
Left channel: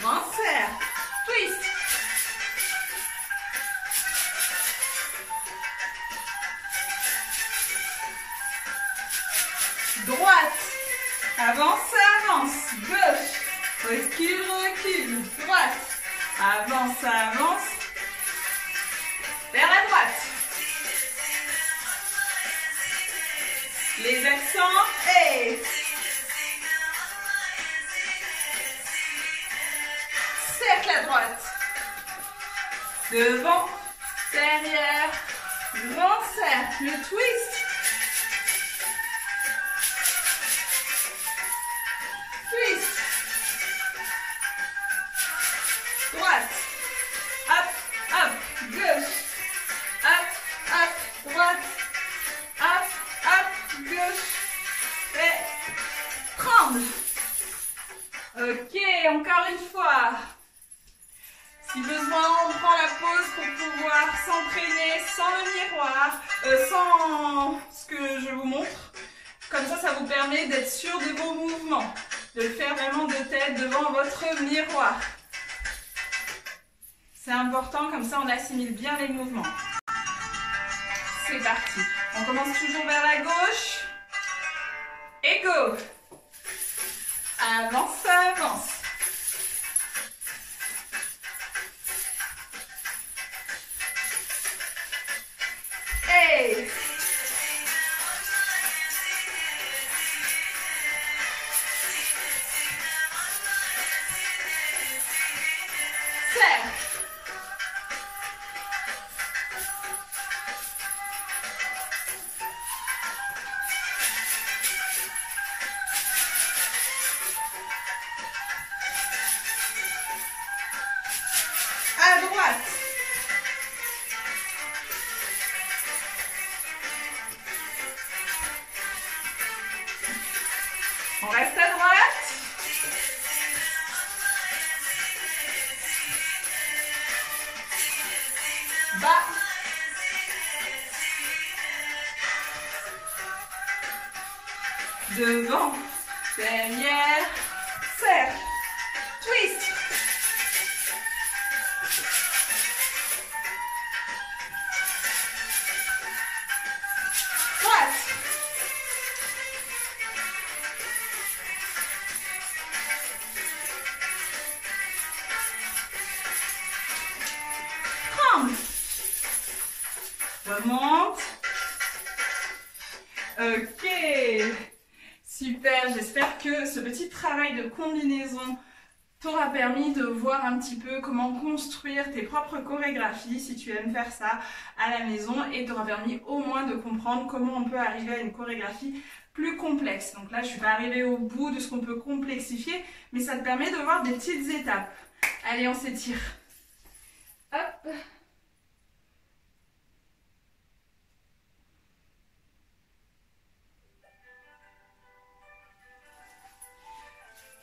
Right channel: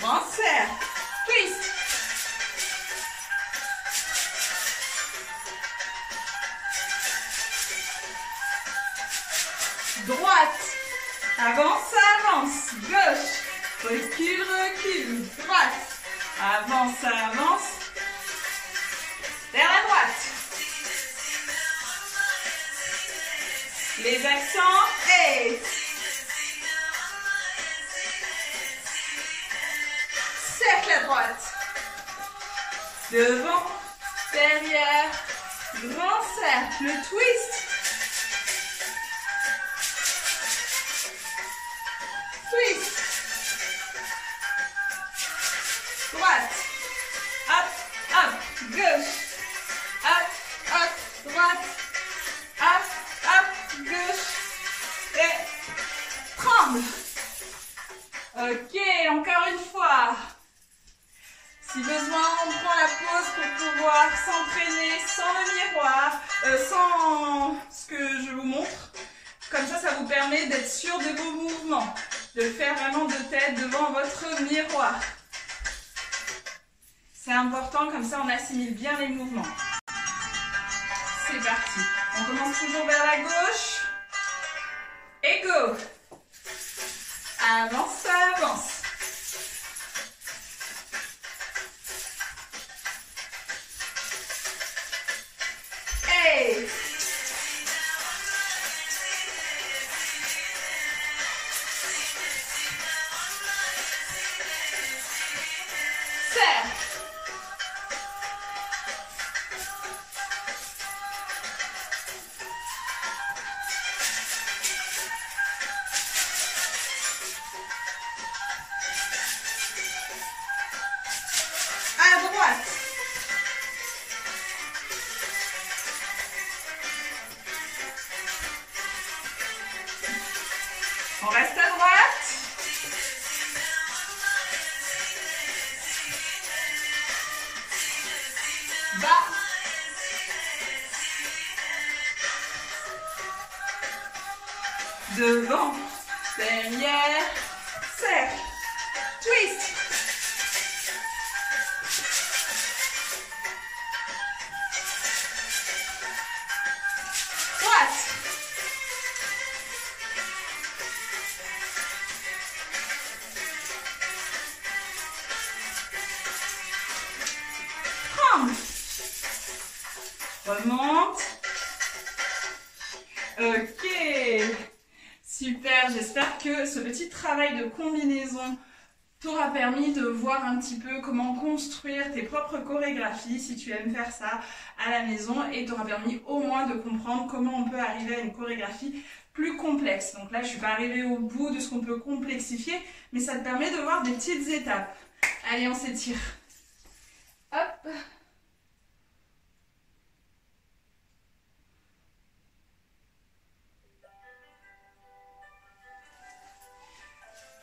Grand cercle. Twist. Droite. Avance, avance. Gauche. Recule, recule. Droite. Avance, avance. Vers la droite. Les accents. Et cercle à droite. Devant, derrière. Grand cercle. Le twist. Twist. Droite. Hop, hop. Gauche. Hop, hop. Droite. Hop, hop. Gauche. Et tremble. Ok, encore une fois. Si besoin, on prend la pause pour pouvoir s'entraîner sans le miroir, sans ce que je vous montre. Comme ça vous permet d'être sûr de vos mouvements, de le faire vraiment de tête devant votre miroir. C'est important, comme ça on assimile bien les mouvements. C'est parti. On commence toujours vers la gauche. Et go. Avance, avance. Hey. Serre. À droite. On reste à droite. Bas. Devant. Derrière. Serre. Twist. Droite. Tremble. Remonte. Ok. Super, j'espère que ce petit travail de combinaison t'aura permis de voir un petit peu comment construire tes propres chorégraphies si tu aimes faire ça à la maison et t'aura permis au moins de comprendre comment on peut arriver à une chorégraphie plus complexe. Donc là, je ne suis pas arrivée au bout de ce qu'on peut complexifier, mais ça te permet de voir des petites étapes. Allez, on s'étire. Hop.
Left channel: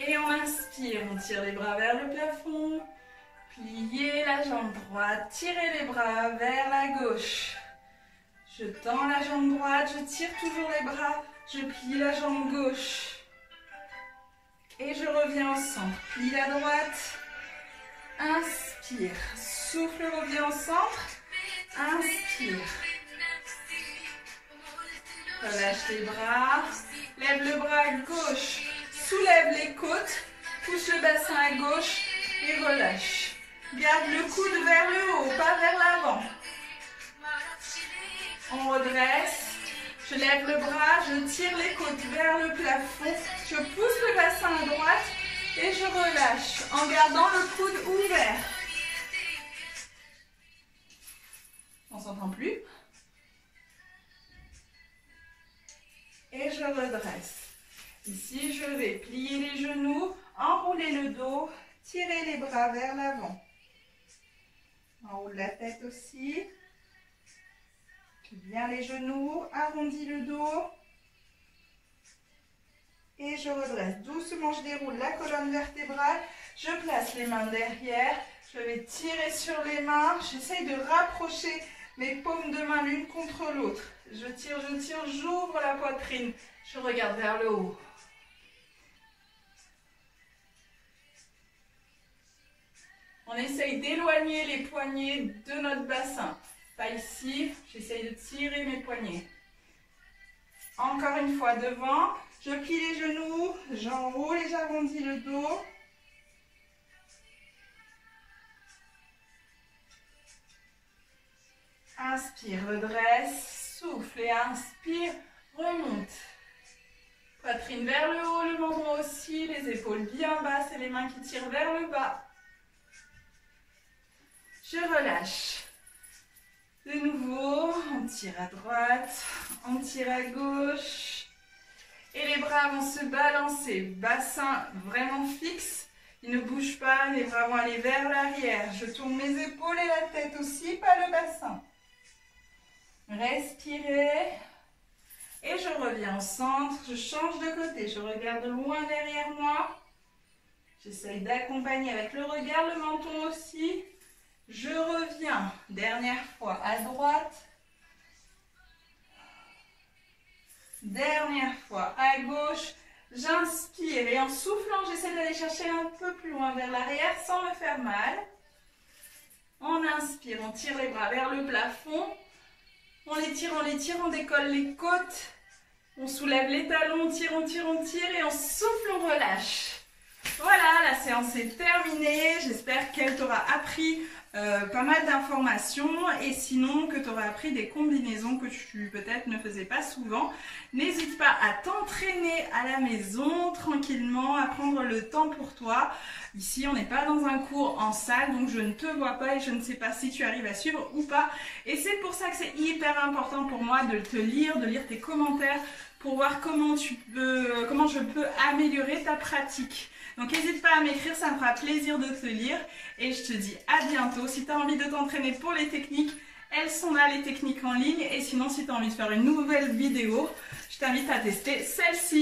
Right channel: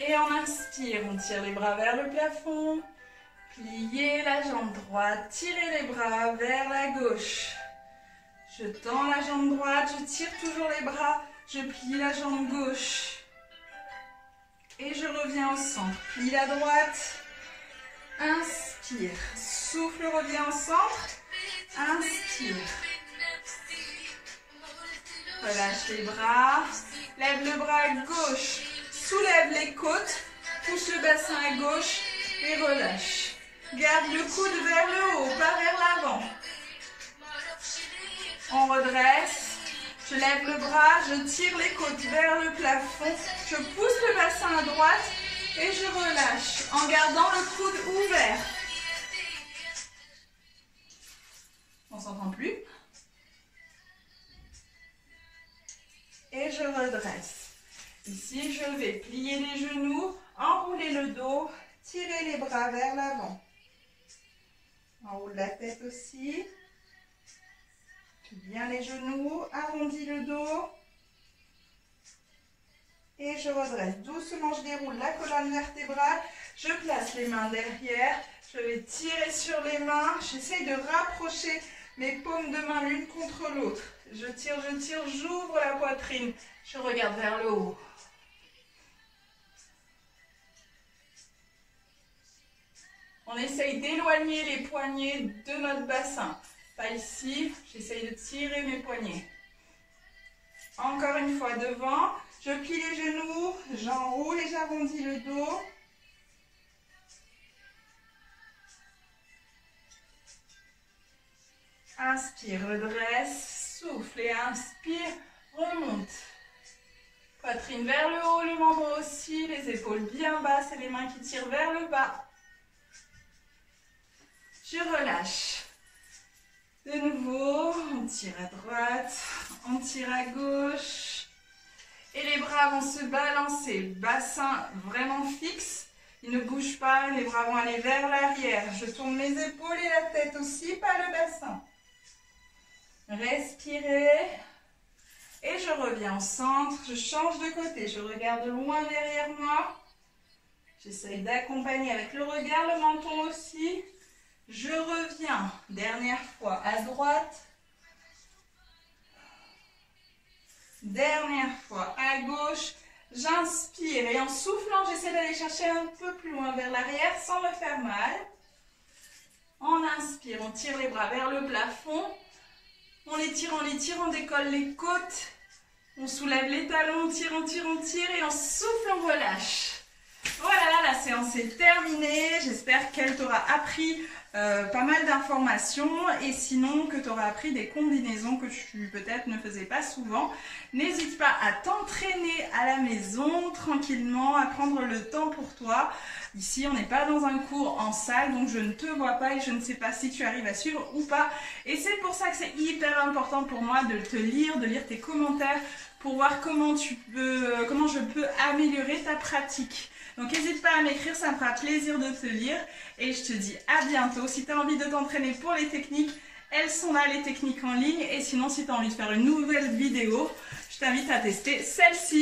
Et on inspire, on tire les bras vers le plafond, pliez la jambe droite, tirez les bras vers la gauche. Je tends la jambe droite, je tire toujours les bras, je plie la jambe gauche. Et je reviens au centre, plie la droite, inspire, souffle, reviens au centre, inspire. Relâche les bras, lève le bras gauche. Soulève les côtes, pousse le bassin à gauche et relâche. Garde le coude vers le haut, pas vers l'avant. On redresse. Je lève le bras, je tire les côtes vers le plafond. Je pousse le bassin à droite et je relâche en gardant le coude ouvert. On s'entend plus. Et je redresse. Ici, je vais plier les genoux, enrouler le dos, tirer les bras vers l'avant. Enroule la tête aussi. Plie bien les genoux, arrondis le dos. Et je redresse. Doucement, je déroule la colonne vertébrale. Je place les mains derrière. Je vais tirer sur les mains. J'essaye de rapprocher mes paumes de main l'une contre l'autre. Je tire, j'ouvre la poitrine. Je regarde vers le haut. On essaye d'éloigner les poignets de notre bassin. Pas ici, j'essaye de tirer mes poignets. Encore une fois devant, je plie les genoux, j'enroule et j'arrondis le dos. Inspire, redresse, souffle et inspire, remonte. Poitrine vers le haut, le membre aussi, les épaules bien basses et les mains qui tirent vers le bas. Je relâche. De nouveau, on tire à droite, on tire à gauche. Et les bras vont se balancer. Bassin vraiment fixe. Ils ne bougent pas, les bras vont aller vers l'arrière. Je tourne mes épaules et la tête aussi, pas le bassin. Respirez. Et je reviens au centre. Je change de côté. Je regarde loin derrière moi. J'essaye d'accompagner avec le regard, le menton aussi. Je reviens, dernière fois, à droite. Dernière fois, à gauche, j'inspire et en soufflant, j'essaie d'aller chercher un peu plus loin vers l'arrière sans me faire mal. On inspire, on tire les bras vers le plafond. On les tire, on décolle les côtes. On soulève les talons, on tire et on souffle, on relâche. Voilà, la séance est terminée. J'espère qu'elle t'aura appris pas mal d'informations et sinon que tu auras appris des combinaisons que tu peut-être ne faisais pas souvent. N'hésite pas à t'entraîner à la maison tranquillement, à prendre le temps pour toi. Ici, on n'est pas dans un cours en salle, donc je ne te vois pas et je ne sais pas si tu arrives à suivre ou pas. Et c'est pour ça que c'est hyper important pour moi de te lire, de lire tes commentaires pour voir comment je peux améliorer ta pratique. Donc n'hésite pas à m'écrire, ça me fera plaisir de te lire et je te dis à bientôt. Si tu as envie de t'entraîner pour les techniques, elles sont là, les techniques en ligne. Et sinon, si tu as envie de faire une nouvelle vidéo, je t'invite à tester celle-ci.